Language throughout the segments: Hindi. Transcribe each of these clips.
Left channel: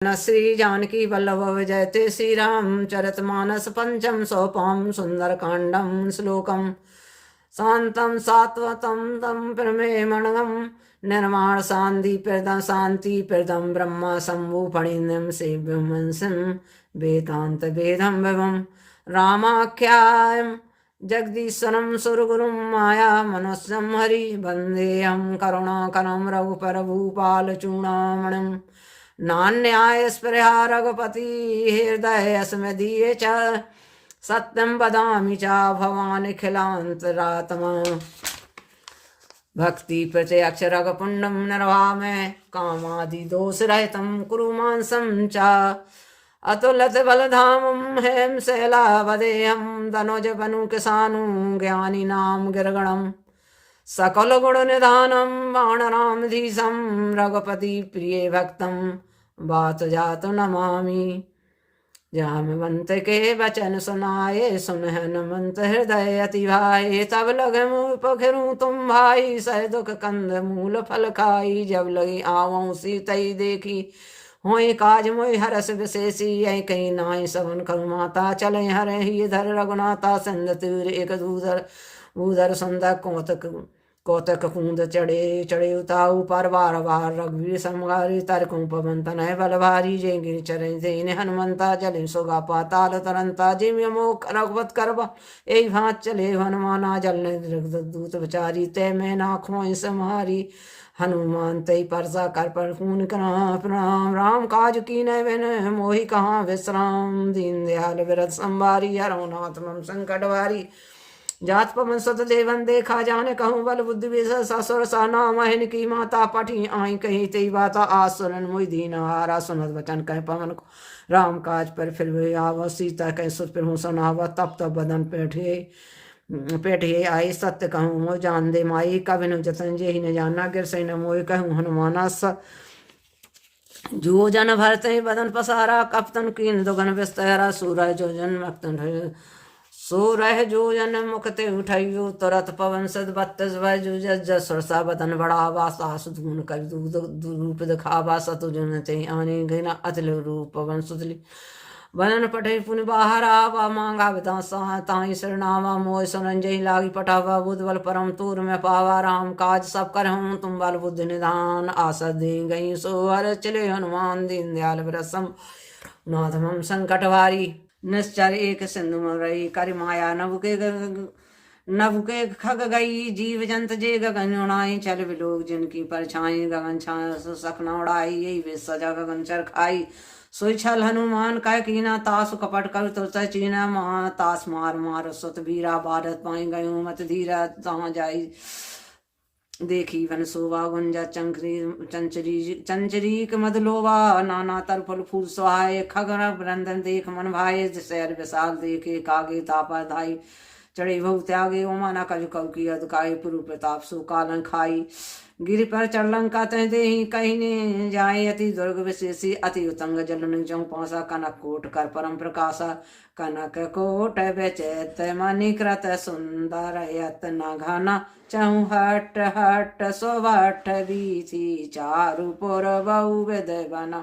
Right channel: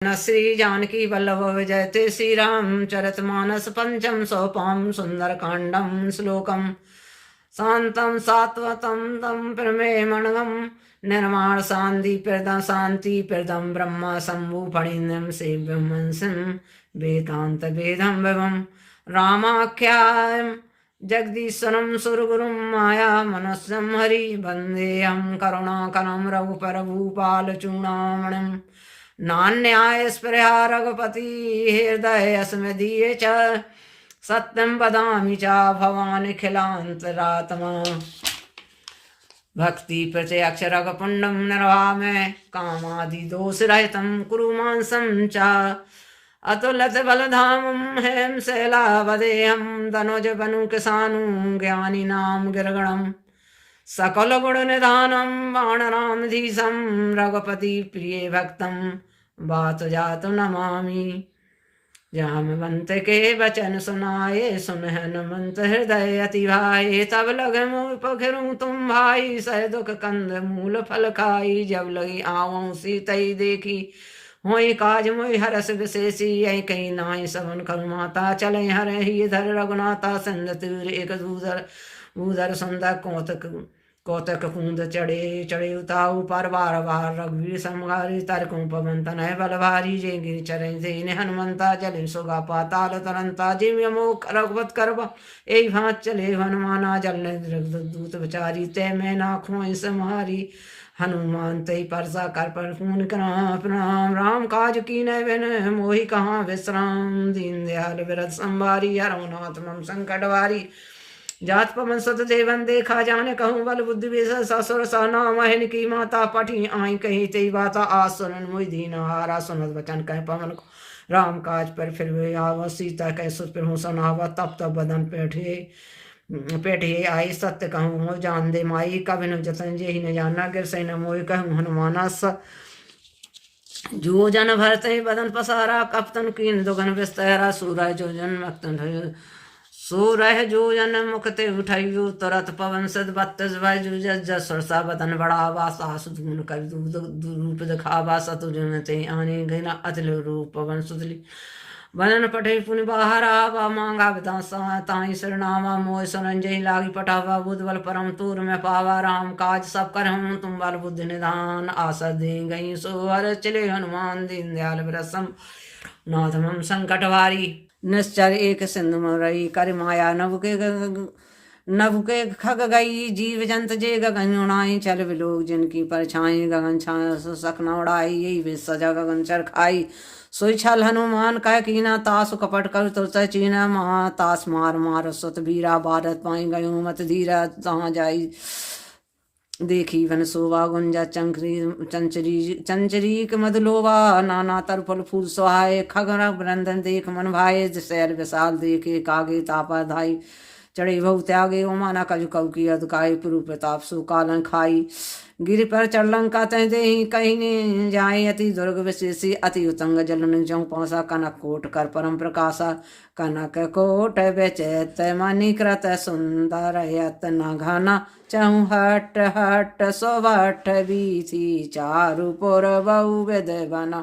न श्री जानकी वल्लभ विजयते श्री रामचरित मानस पंचम सोपाम सुंदर कांडम श्लोकम शांतम सात्वतम तम प्रमेमणगम निर्माण शांति प्रदम ब्रह्म शंभु फणिन्यम सेव्यमंसम वेदांत वेदम विभम रामाख्यायम जगदीश्वरम सुरगुरुम माया मनस्यम हरि वंदेहम करुणाकरम रघुपर भूपाल चूड़ामणिम नान्याय स्पृहा रघुपति हृदय स्मदीये च सत्यं वदामि च भवान् खिलान्तरात्मा भक्ति प्रत्यक्ष रघुपुण्डं निर्वामे कामादि दोषरहितं कुरु मांसं च अतुलित बलधामं हेम शैलावदेहं तनुज बनु किसानु ज्ञानिनां गिरगणम् सकल गुण निधानम वानरामधीशम रघुपति प्रिय भक्तम बात जात नमामि जामवंत के वचन सुनाए सुनहन मंत हृदय अति भाई तब लगे मुँह पखरू तुम भाई सह दुख कंद मूल फल खाई जब लगी आवों सीतई देखी होई काज मोई हरस विशेषी यही कहीं नाई सबन करु माता चले हरे ही धर रघुनाथा सिंध तीर एक दूधर भूधर सुंदर कौतक कुंद चढ़े चढ़े उताऊ पर बार बार रघुवीर समगारी तरकू पवन तनय बल भारी जय गिर चरण देने हनुमंता जले सोगा पाताल तरंता जिम यमोक रघुवत करबा ए भात चले हनुमाना जल दूत विचारी तय मैं नाखों समारी हनुमान तय परसा कर पर पून प्रणाम राम काज की नय बिन मोहि कहाँ विश्राम दीन दयाल विरत संवारी हरनाथ मम संकट वारी जात पवन सुत देवन देखा जाने कहूँ बल बुद्धि विषय ससुर सहना महन की माता पठी आई कही तेई बाता आसुरन मुई दीन हारा सुनत वचन कह पवन को राम काज पर फिर वे आव सीता कह सुत फिर हूँ सुनावा तब तब बदन पेठे आई सत्य कहूँ मोह जान दे माई कभी न जतन जे ही न जाना गिर सही न मोह कहूँ हनुमाना जो जन भरते बदन पसारा कपतन कीन दुगन विस्तरा सूरज जो जन मक्तन सो रह जो जन मुखते उठाइयो तुरत पवन सद बत्तस भाई जो जस सरसा बदन बड़ावा सास धून कर रूप दिखावा सतु जन ते आने घना अतल रूप पवन सुतली बनन पठे पुन बाहर आवा मांगा विदासा ताई सरनावा मोह सुरंजय लागी पटावा बुद्ध बल परम तूर में पावा राम काज सब कर हूँ तुम बल बुद्ध निधान आशा दे गई सो हर चले हनुमान दीन दयाल विरसम नाथ मम संकट वारी निश्चर एक सिंधु रही कर माया नभ के खग गई जीव जंत जे गगन उड़ाई चल विलोक जिनकी परछाई गगन छाया सकना उड़ाई यही विश्व गगन चर खाई सोई छल हनुमान कह कीना तास कपट कर तुरत चीना महा तास मार मार सुत वीरा भारत पाई गयो मत धीरा तहाँ जाई देखी वन शोभा गुंजा चंचरीक मधुलोवा नाना तरफल फूल सुहाए खगन वृंदन देख मन भाए शैल विशाल देखे कागे तापा धाई चढ़े बहु त्यागे ओमाना कजु कऊ की अधकाई पुरु प्रताप सु कालन खाई गिर पर चढ़लंका तह दे कहीं ने जाए अति दुर्ग विशेषी अति उतंग जलन जौ पौसा कनक कोट कर परम प्रकाशा कनक कोट बेचैत मणिकृत सुंदर यत्न घना चहु हट हट सोभट बीथी चारु पुर बहु विध बना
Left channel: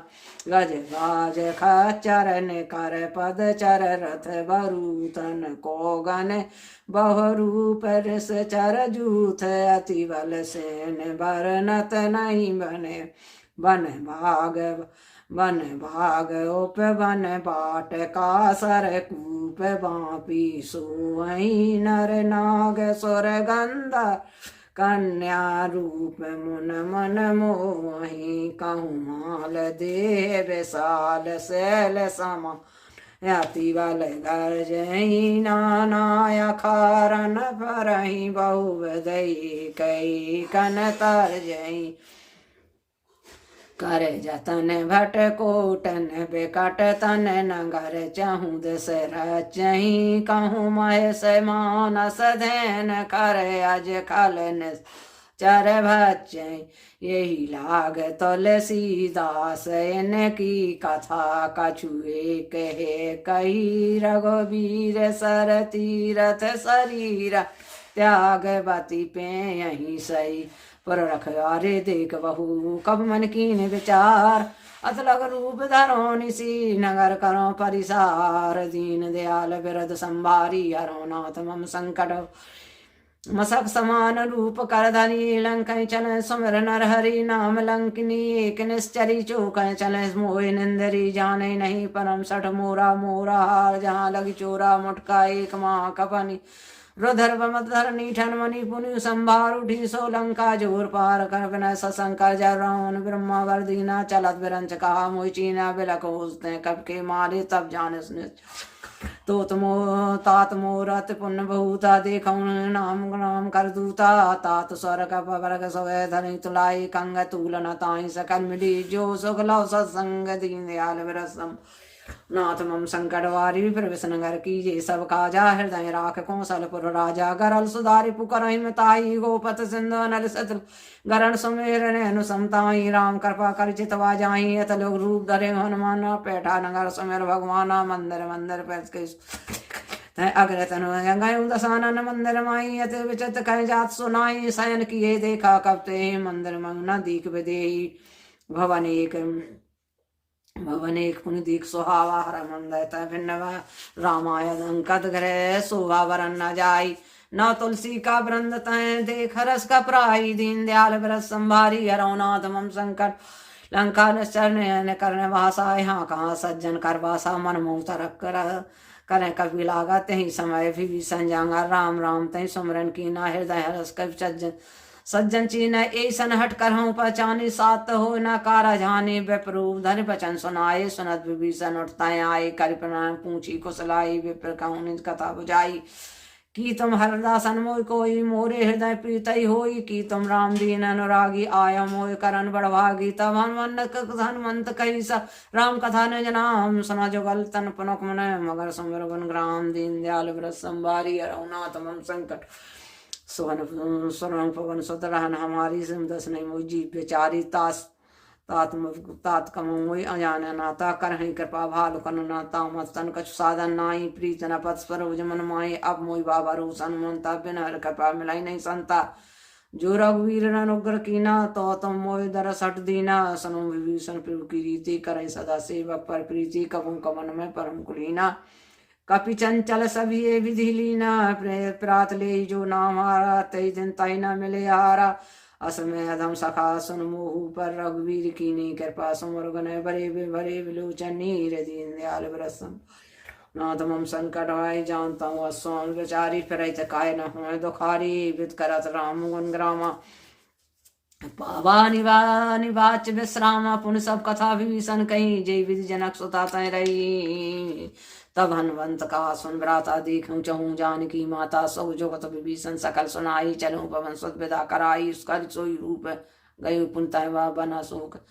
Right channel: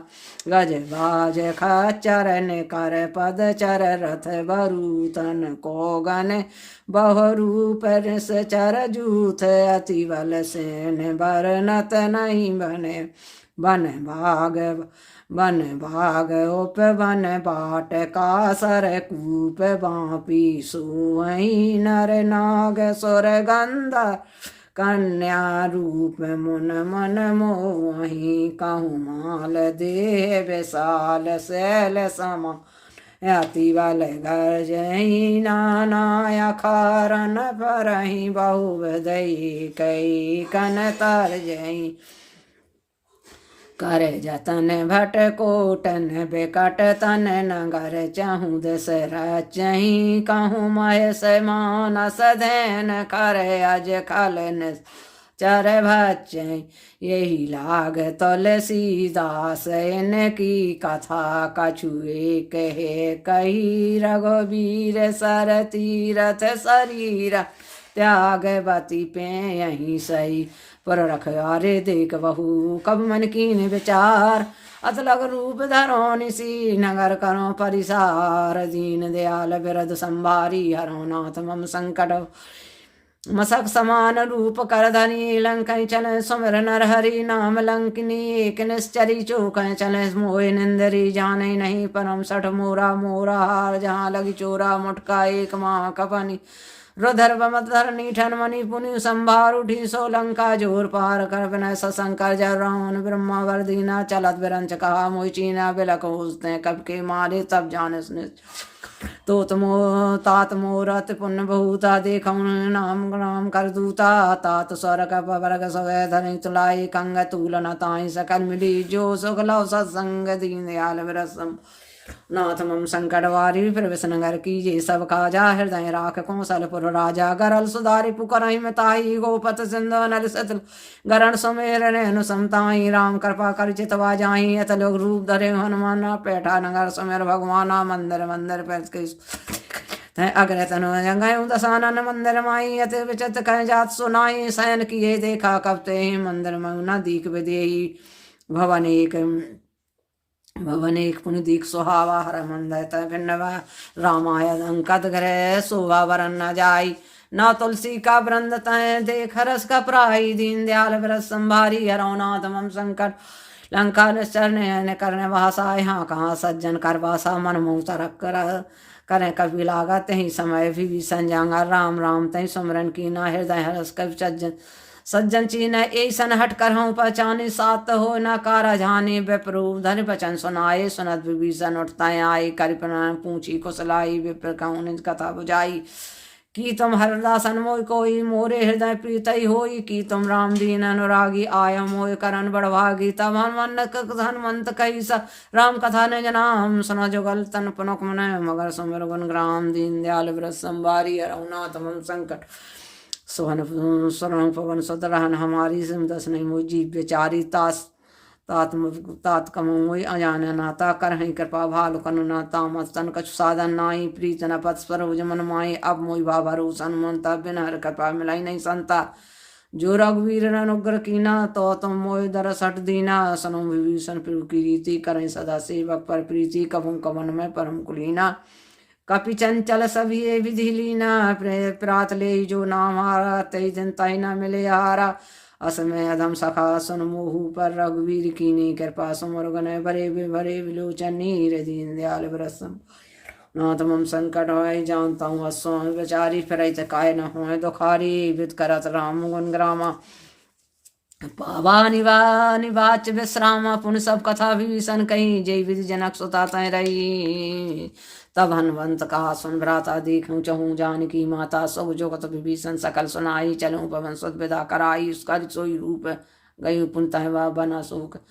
गज गाज खचरन कर पद चर रथ बरूतन को गन बहुरूप रस चर जूथ अति बल सेन बरनत नहीं बने बन भाग उप बन बाट का सर कूप बापी सोई नर नाग सुर गंधा कन्या रूप मुन मन मोही कहूँ माल देह विशाल शैल समा अति बल गजही नाना खारन फरही बहु दई कई कन तर जही करे जतन भट कोटन बेकट तन नगर चहूँ दसरा चही कहूँ महेश मानस धैन करे अज खलन चर भचै यही लाग तुलसीदास इनकी कथा कछुए कहे कही रघुवीर सर तीरथ शरीर त्यागवती पे यही सही पर रखवारे देख बहु कब मन कीन विचार अतलग रूप धरो निसी नगर करो परिसार दीन दयाल बिरद संभारी हरो नाथ मम संकट मसक समान रूप कर धनी लंक चल सुमर नर हरि नाम लंकिनी एक निश्चरी चौक चल मोह निंदरी जाने नहीं परम सठ मोरा मोरा हार जहाँ लगी चोरा मुटका एक माँ कपनी रुधर मधर नीठन मणि पुनि संभार उठी सोलंका जोर पार कर बिना सशंकर जरौन ब्रह्मा वर्दीना चलत बिरंच कहा मोह चीना बिलक उसने कब के मारे तब जाने तो तुमो तात मोरत पुण्य बहुता देखौ नाम नाम कर दूता तात स्वर का वर्ग सवै धनि तुलाई कंग तूलन ताई सकल मिली जो सुख लव सत्संग दीन दयाल विरसम नाथ मम संकट वारी प्रवेशनगर कीजे सब काजा हृदय राख कौशलपुर राजा गरल सुधारी पुकर हिमताई गोपत सिंधु नल सतल गरण सुमेर रेणु समताई राम कृपा कर चितवा जाई अत लोग रूप धरे हनुमान पैठा नगर सुमेर भगवान मंदिर मंदिर पैस अग्र तनु गयो दसानन मंदिर माई अति विचित कह जात सुनाई शयन किए देखा कबते मंदिर मंगना दीख विदेही भवन एक पुनि दीख सुहावा हर मंदत भिन्नवा रामाय अंकत ग्रह शोभा वरन न जाई न तुलसी का वृंद तय देख रस का प्राई दीन दयाल व्रत संभारी हरौनाथ मम संकट लंका निश्चर करने भाषा यहाँ कहाँ सज्जन कर भाषा मन मुँह तरक करें कभी लागत ही समय भी संजंगा राम राम तय सुमरन की ना हृदय हरस कवि सज्जन चीन ऐसन हट कर हूँ पहचाने सात हो न कारा जाने विप्ररूप धन बचन सुनाए सुनत विभीषण उठताए आए करिपन पूछी कुशलाई विप्र कौन कथा बुझाई की तुम हरदासन मोय कोई मोरे हृदय प्रीत होई की तुम राम दीन अनुरागी आय मोय करन बड़भागी तब हनुमंत कही स राम कथा ने जनाम सुना जुगल तन पुनक मन मगर सुमर गुण ग्राम दीन दयाल व्रत संभारी रघुनाथ मम संकट सुवन पवन सुतरहन हमारी सिम दस नहीं मोई जीव बेचारी तात कमोई अजान नाता कर कृपा भाल कनुना तामस तन कछु साधन नाई प्रीत न पथ सरोज मन माई अब मोई बाबा रो सन्मंता बिना कृपा मिलाई नहीं संता जो रघुवीर अनुग्र कीना तो तुम मोय दरस हट दीना सनो विभीषण प्रभु की रीति करें सदा सेवक पर प्रीति कबू कवन में परम कुलीना कपि चंचल सभी विधि लीना प्रात ले जो नाम हारा तय दिन तय न मिले हारा असमय अधम सखा सुन मोहू पर रघुवीर कीनी कृपा सुमर गण भरे भरे विलोचन नीर दीन दयाल व्रसम नाथ मम संकट आय जानता हूँ स्वामी विचारी फिर काय न हो दुखारी विद करत राम गुण ग्रामा पावा निवाच विश्राम पुन सब कथा विभीषण कही जय विधि जनक सुता तय रही तब हनुमंत कहा सुन भ्राता देखूं चहूँ जानकी माता सब जोगत विभीषण सकल सुनाई चलूं पवन सुत विदा कराई उसका सोई रूप गई पुनतः वा बना शोक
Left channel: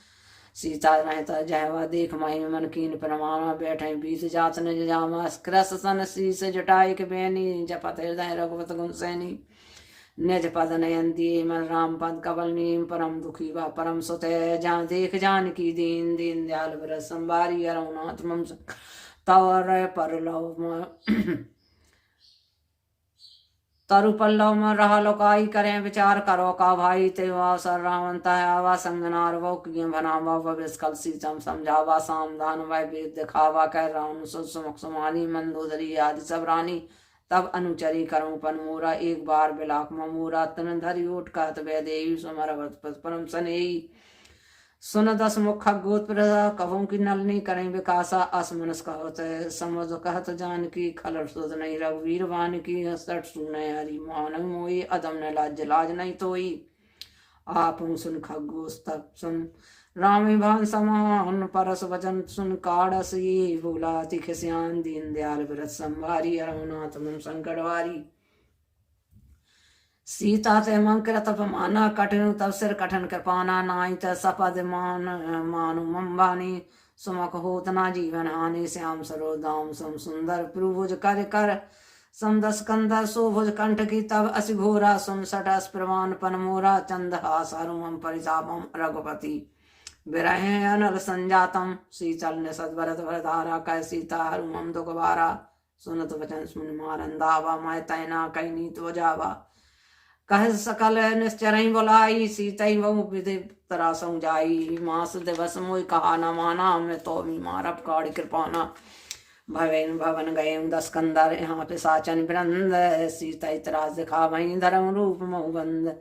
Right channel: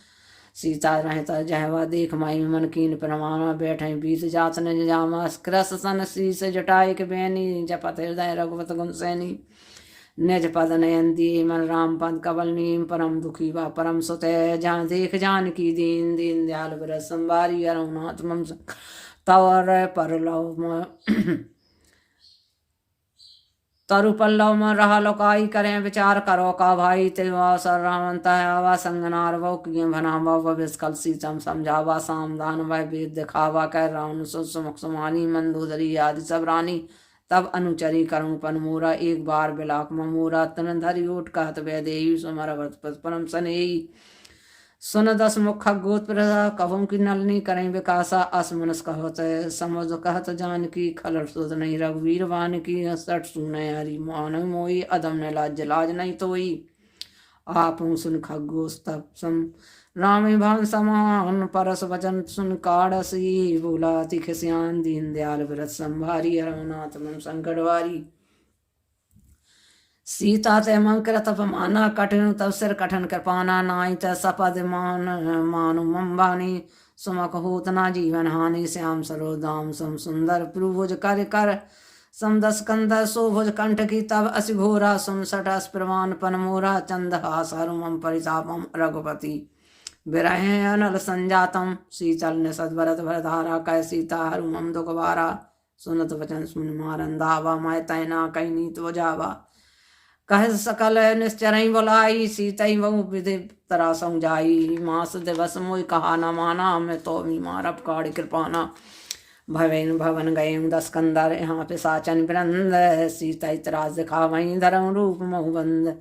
सीता रहता जहवा देख माई मन कीन प्रमाण बैठे बीत जात न जामा कृस सन शीस जटाई के बैनी जपत हृदय रघुवत गुण सैनी निज पद नयन दिए मन राम पद कबल नीम परम दुखी व परम सुत जहाँ देख जानकी दीन दीन दयाल व्रत संभारी रघुनाथ मम तवर परलव तरु पल्लव में रहा लोकाई करें विचार करो का भाई तेवा सर रावंत आवा संगनार वो किए बना विस्कल सीतम समझावा सामदान वह वेद दिखावा कह रावण सुमुख सुमानी मंदोदरी आदि सब रानी तब अनुचरी करूं पनमूरा एक बार बिलाक ममूरा तन धरी ओट कहत वैदेही सुमर परम सनेही सुन दस मुख गोत कहों की नलनी करें विकासा असमनस कहत समझ कहत जान की खलर सुध नहीं रघुवीर वान की सट सुने हरि मान मोई अदम न लाज लाज नहीं तोई आप सुन खगोस तब सुन रामी भान समान परस वचन सुन काड़सी बोला तिखस्यान दीन दयाल व्रत संभारी रघुनाथ मम संकटवारी सीता ते मंकृत अपमाना कठिन तब सिर कठन कृपाना नाई त सपद मानु मम्बानी सुमक होत ना जीवन हानि श्याम सरोदाम सम सुंदर प्रुभुज कर कर समदस कंदर सोभुज कंठ की तब असि घोरा सुन सटस प्रमाण पन मोरा चंदहास हरुमम परितापम रघुपति विरहे अनल संजातम शीतल ने सदभरत भरधारा कह सीता हरुमम दुखवारा सुनत वचन सुन मारंदावा मैं तैना कहीं नीत वजावा कह सकल निश्चरई बोलाई सीतई बहु विधि तरासों जाई। मास दिवस मोई कहा न माना मैं तो भी मारब काड़ कृपाना। भवन भवन गए 10 कंदर यहाँ पे साचन वृंद। सीता त्रास दिखा वही धर्म रूप महुबंद।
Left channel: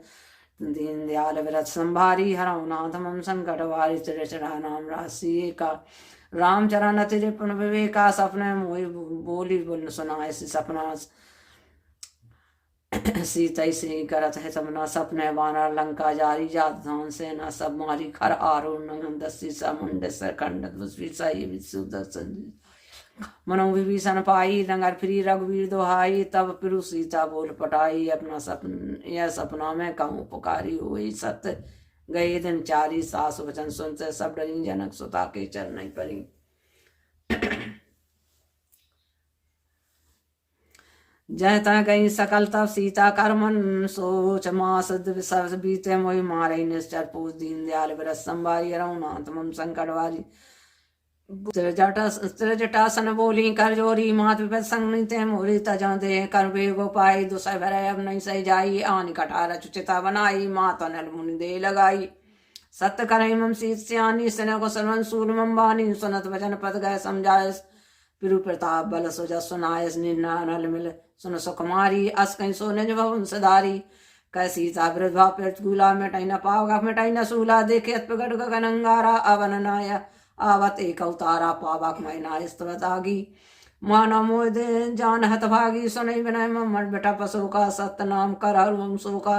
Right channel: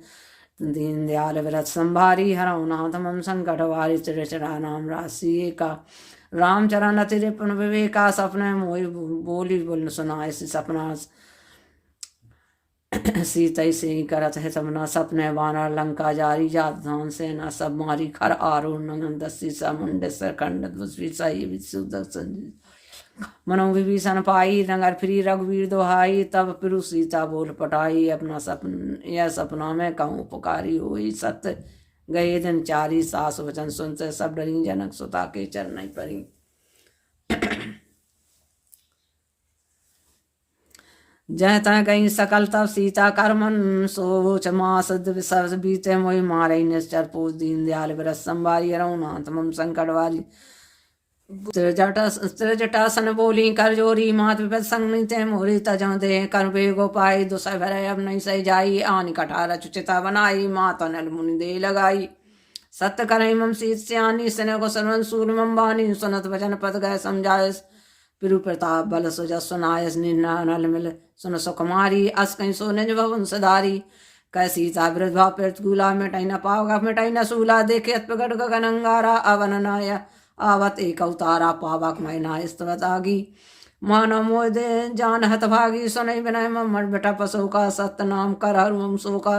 दीन दयाल व्रत संभारी हरऊ नाथ मम संकट वारी। चिरचरा नाम राशि का रामचरण अति रिपुण विवेका। सपने मोहि बोली बोल सुना ऐसी सपना। सीतई से करत है सबना सपने बानर लंका जारी। जात धान सेना सब मारी खर आरुण नंगन दसी समुंड सरखंड दूसरी सही विशुदर्शन। मनो विभीषण पाई रंगर फिरी रघुवीर दोहाई। तब पिरु सीता बोल पटाई अपना यह सपना में कहूँ पुकारी हुई। सत्य गए दिन चारी सास वचन सुनते सब डरी। जनक सुता के चरण परी। जय तय गई सकल तब सीता करमन। सोच मास सब बीते मोहि मारे निश्चर पूज। दीन दयाल व्रत संभारी हरऊ नाथ मम संकट वारी। त्रिजटासन बोली कर जोरी। मात विपद संग ते मोरी तजों दे। कर बेगो पाई दुसह भरय अब नहीं सह जाई। आन कठार चुचिता बनाई मात नल मुनि दे लगाई। सत्य करई मम सीत सियानी सिने को सरवन सूल मम बानी। सुनत वचन पद गए समझाए पिरु प्रताप बल सुजस सुनायस। निर्णा नल मिल सुन सुकुमारी। अस कहीं सो निज भवन सधारी। कह सीता वृद्धा प्रतिकूला मिटाई न पावगा मिटाई न सूला। देखे प्रगट गगन अंगारा अवन नाय आवत एक अवतारा। पावक मैना स्तवत आगी माना मोह दे जान हत भागी। सुनई विनय मर बेटा पशु का सत्य नाम कर हर मम सो का।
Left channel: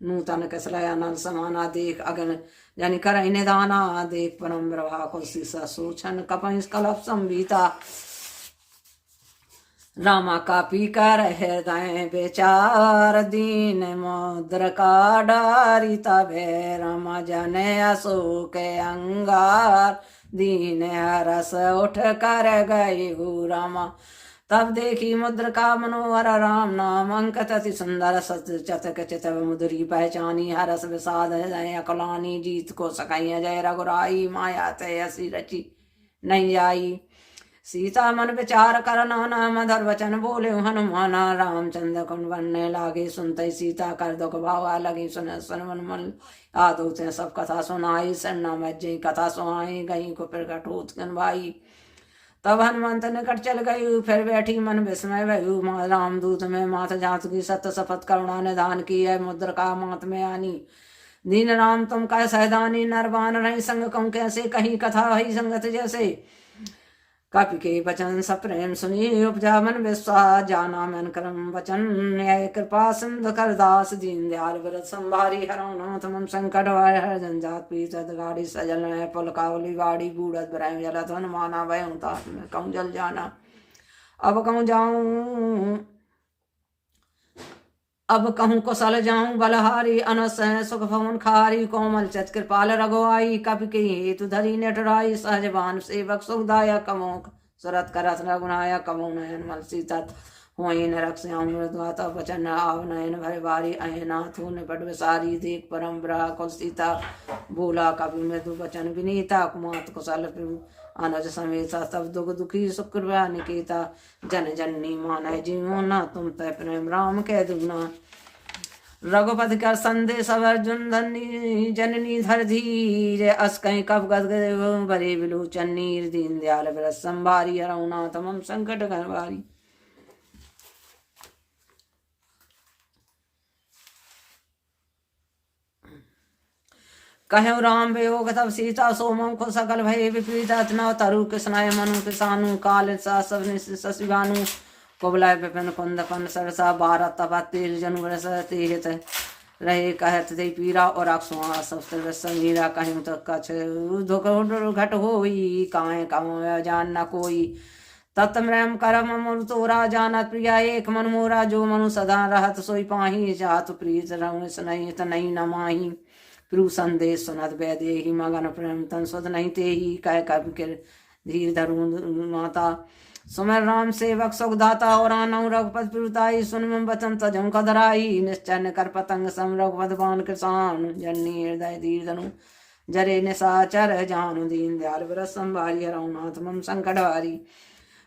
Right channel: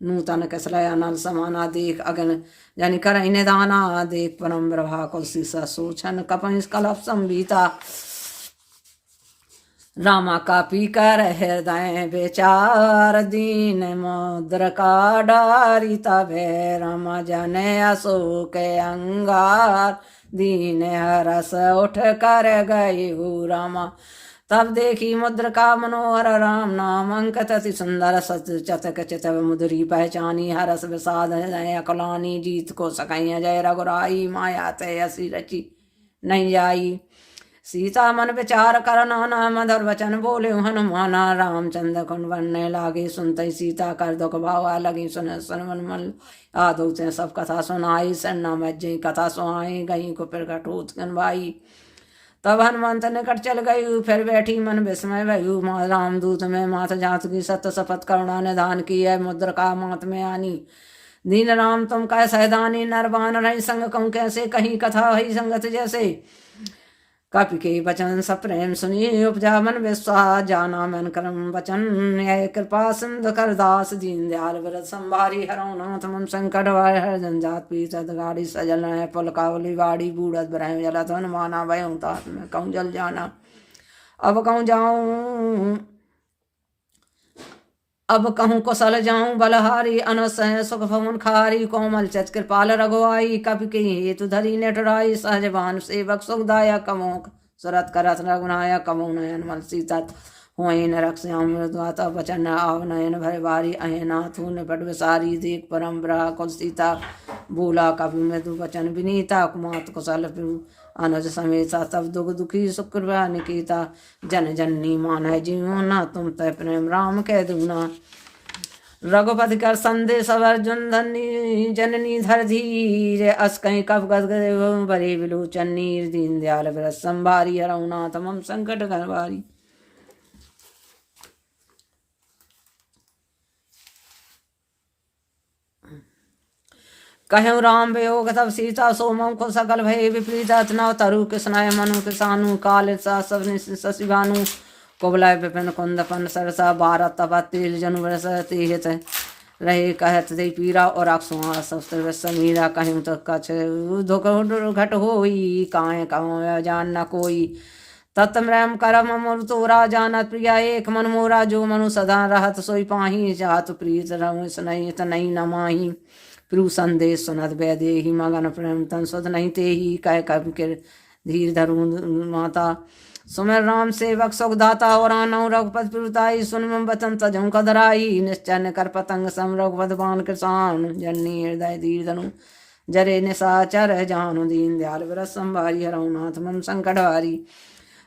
नूतन कसलया नल समाना देख अगन जनि कर निदाना। देख परम प्रभा को सीसा सोचन कपंस कलप संबीता। रामा कापी कर हृदय बेचार। दीन मुद्र का डारी तबे रामा जने अशोक अंगार। दीन हरस उठ कर गए रामा। तब देखी मुद्र का मनोहर राम नाम अंकत अति सुंदर। सच चतक चितव मुद्री पहचानी। हरस विषाद अकलानी। जीत को सकैया जय रघुराई। माया तय असी रची नहीं जाई। सीता मन विचार कर नाना मधुर वचन बोले हनुमाना। रामचंद्र कुन बनने लागे सुनते सीता कर दुख भावा लगी। सुन सुन मन आदो से सब कथा सुनाई। सन्ना मज्जे कथा सुनाई गई को प्रकट होत भाई। तब हनुमंत निकट चल गई फिर बैठी मन विस्मय भयु। रामदूत में मात जात की सत्य शपथ करना निधान की है। मुद्र का मात में आनी दीन राम तुम कह सहदानी। नरबान रही संग कहूँ कैसे कहीं कथा हई संगत जैसे। कपि के वचन सप्रेम सुनी उपजा मन विश्वास। जाना मन करम वचन न्याय कृपा सिंधु कर दास। दीन दयाल व्रत संभारी हरऊ नाथ मम संकट वार। हर जंजात पीत गाड़ी सजल है पुल कावली बाड़ी। बूढ़त ब्रह्म जलत हनुमाना भय तात में कहूँ जल जाना। अब कहूँ जाऊँ अब कहूँ कुशल जाऊँ बलहारी। अनस सुख भवन खारी। कोमल चच कृपाल रघुआई। कपि के हेतु धरी नेटराई। सहजवान सेवक सुखदायक कमोक सुरत करत रघुनायक। कमो नयन मल सीता हुई न रक्षाम मृदुआता। वचन आव नयन भर बारी। अहनाथु निपट विसारी। देख परम ब्रह कुल सीता बोला। कपि मृदु वचन विनीता। कुमात कुशल अनुज समेत तब दुख दुखी शुक्र निकेता। जन जननी मान जीवना तुम तय प्रेम राम कह दूना। रघुपति कर संदेश अर्जुन धनी जननी धर धीर। अस कहीं कब गद बरे विलोचन नीर। दीन दयाल व्रत संभारी हरऊ नाथ मम संकट घरवारी। कहूँ राम वियोग तब सीता सोमम को सकल भय विपरीत। अतना तरु कृष्णाय मनु किसानु। काल सब शशिभानु। कुबलाय विपिन कुंद पन सरसा। बारह तपा तेज जनु रस तेहत रहे कहत दे पीरा। और अक्षुआ सब समीरा। कहूँ तो कछ दुख घट होई। काहे कहूँ जान न कोई। तत्म्रम करम मुर तोरा जानत प्रिया। एक मन मोरा जो मनु सदा रहत सोई पाही। जात प्रीत रम सुनई तनई न माही। प्रु संदेश सुनत वैदेही मगन प्रेम तन सुध नहीं ते ही। कह कवि के धीर धरु माता। सुमर राम सेवक सुखदाता। और आनऊ रघुपति प्रुताई। सुन बचन तजों कदराई। निश्चन कर पतंग सम रघुपति बान कृषाण। जननी हृदय धीर धनु जरे निशाचर जानु। दीन दयाल व्रत संभारी हरऊ नाथ मम संकट हारी।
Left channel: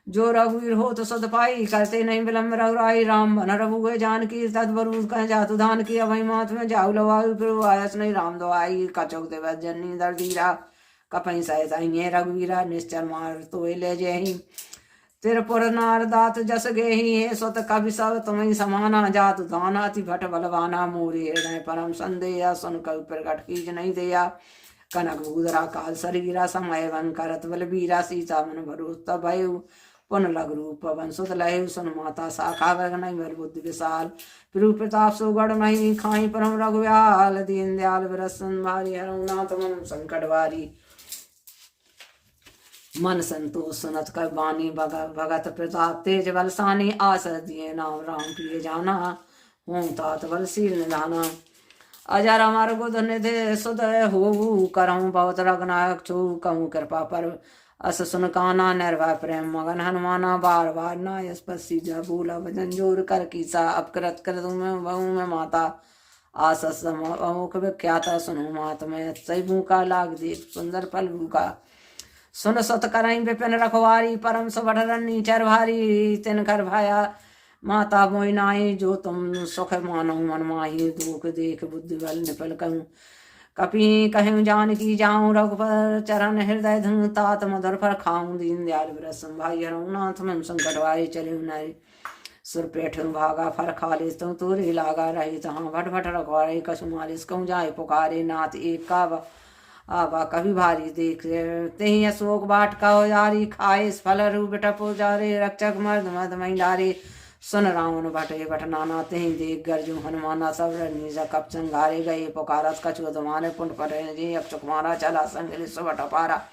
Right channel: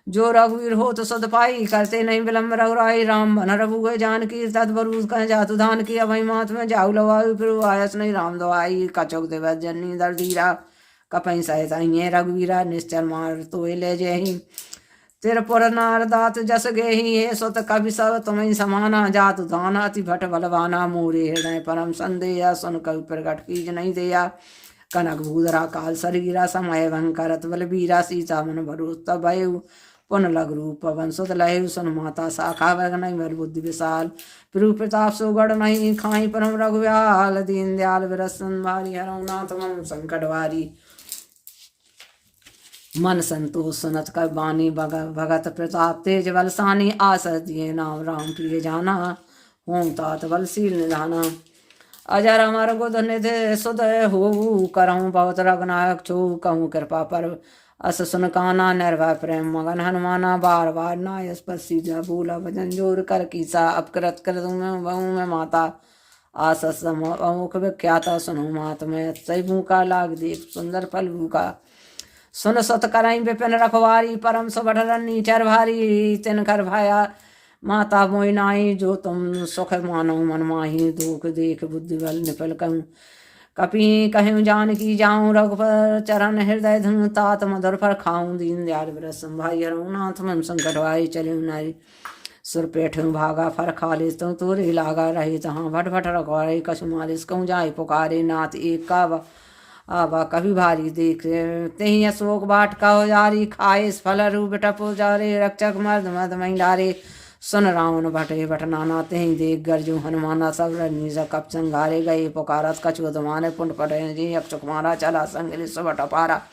जो रघुवीर हो तो सद पाई, करते नहीं विलम्ब रघुराई। राम बन रघु जानकी, तत्वरूप कह जातु धान की। अभय मात में जाऊ लवायु, फिर आयस नहीं राम दवाई। कचौक देव जननी दर धीरा, कपई सहित अइए रघुवीरा। निश्चर मार तो ले जेहि, तिरपुर नार दात जस गेहि। हे सुत कवि सब तुम्हें समाना, जातु दाना अति भट बलवाना। मोरे हृदय परम संदेया, सुन कवि प्रगट कीज नहीं देया। कनक भूधरा काल शरीरा, समय भंकरत बलबीरा। सीता मन भरोस तब भयउ, पुन लग रूप पवन सुत लहु। सुन माता शाखा वगन बर बुद्धि विशाल, प्रभु प्रताप सुगढ़ नहीं खाई। परम रघुव्याल, दीन दयाल विरसन भारी। हरौ नाथ मन संकट वारी, मन संतोष सुनत कर बानी। भगत प्रताप तेज बलसानी, आस दिए नाम राम प्रिय जाना। हों तात बलशील निधाना, अजर अमर गुद निधि सुदय हो। करहूँ बहुत रघुनायक छो, कहूँ कृपा पर अस सुन काना। निर्भय प्रेम मगन हनुमाना, बार बार नायस पर सीजा। बोला भजन जोर कर कीसा, अपकृत कर में बहु में माता। आस अमुख विख्याता, सुनो मात में सही भूखा। लाग देख सुंदर फल भूखा, सुन सत करई विपिन रखवारी। परम सुबढ़ नीचर भारी, तिन कर भाया माता मोहि नाई। जो तुम सुख मानो मन माही, दुख देख बुद्धि बल निपल कहूँ। कपि कहूँ जानकी जाऊँ, रघुपर चरण हृदय धूँ। तात मधुर फल खाऊँ, दीन दयाल विरस भाई। हरऊ नाथ मन संकट वाई, चले नारी सुर पेठूँ भागा। फल खालिस तो तोरे लागा, रही तहाँ भट भट रखवारे। कछु मालिस कहूँ जाय पुकारे, नाथ एक का आबा कभी भारी। देख तेहि अशोक बाट कहो जारी, खाए फल रूप टपो जारे। रक्षक मर्द मद महिलारे, सुन रावण भटे भट नाना। तेहि देख गरजू हनुमाना, सब रनीज कप संघारे। गए पुकारत कछु अधमाने, पुंड पटे जी अक्षक मारा। चला संग सुबट पारा,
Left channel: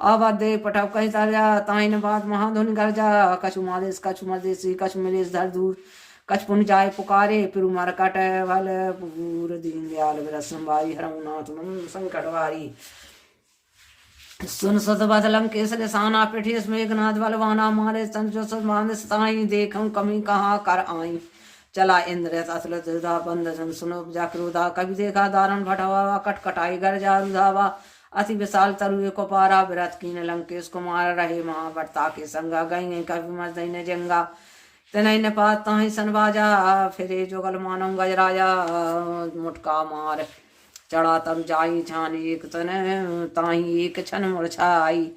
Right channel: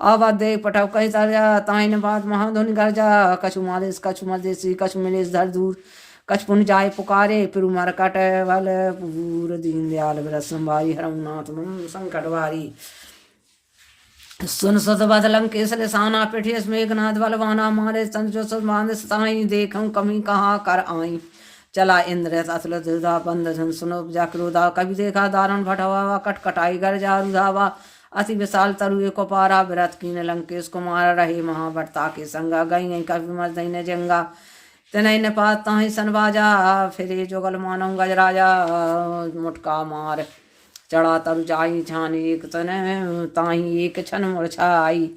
अब दे पटव कही तरजा। ताइन बात महाधुन गर्जा, कछु मालिस कछु मदेसी। कछु मिलिस धर दूर, कछ पुन जाय पुकारे। पिरु मर कट भल पूर, दीन दयाल विरस संभारी। हरऊ नाथ मन संकट वारी, सुन सत बद लंकेश लिसाना। पिठियस मेघनाथ बलवाना, मारे संजो सत बांध सताई। देखूं कमी कहाँ कर आई, चला इंद्र अतुल दुधा बंद। सुनो जाक्रोधा, कभी देखा दारुण भटवा। कटकटाई गर्जा रुधावा, अति विशाल तरुए को पारा। विरत कीन लंकेश कुमार, रहे महाभरता के संगा। गई कभी मर दई जंगा, तनय न पात ताहि सन बाजा। फिरे जोगल मानव गजराजा, मुटका मार चढ़ा तरु जाई। छान एक तन ताहि एक छन मुरछाई।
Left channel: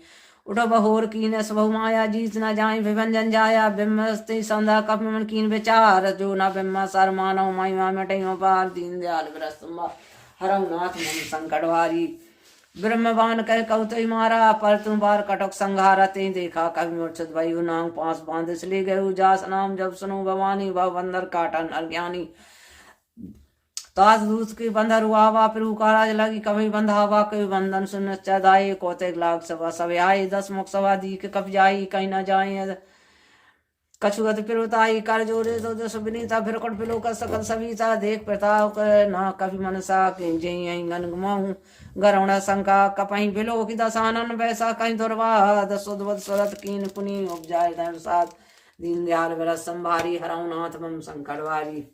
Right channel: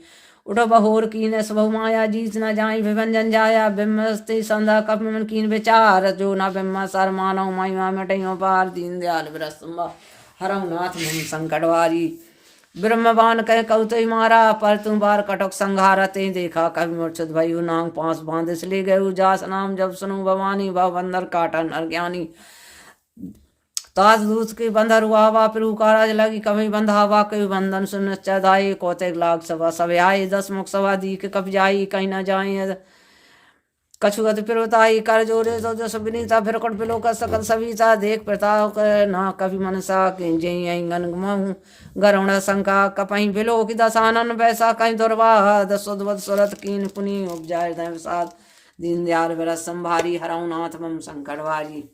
उठो बहोर कीन सबहु माया, जीत न जाई विभंजन जाया। बिम्बस्ते संधा कप मन कीन विचार, जो न बिम्ब सर मानव महिमा मिटई पार। दीन दयाल विरस हरऊ नाथ मन संकट वारी, ब्रह्मबान कह कौतई मारा। पर तुम बार कटक संघारा, ते देखा कभी मूर्छित भयु। नाम पांस बांधिस ले गयु, जास नाम जब सुनो भवानी। भव बंदर काटन अज्ञानी, तास दूत के बंधर हुआ। प्रभु का राज लगी कभी बंधावा। कभी बंधन सुन चदाई, कौतिक लाग सभा सब आये। 10 मुख सभा दी के कब जाई, कहीं न जाए कछु गति पिरोताई। कर जोरे तो जस विनीता, फिर कट पिलो का सकल सविता। देख प्रताप ना कभी मनसा, के जय गन गमाऊं गरुण शंका। कपहीं बिलो की दसानन, वैसा कहीं दुर्वा। दसोद्वत सुरत कीन पुनि उपजाय दैव साथ। दीन दयाल विरस संभारी, हरऊ नाथ मम संकट वारी।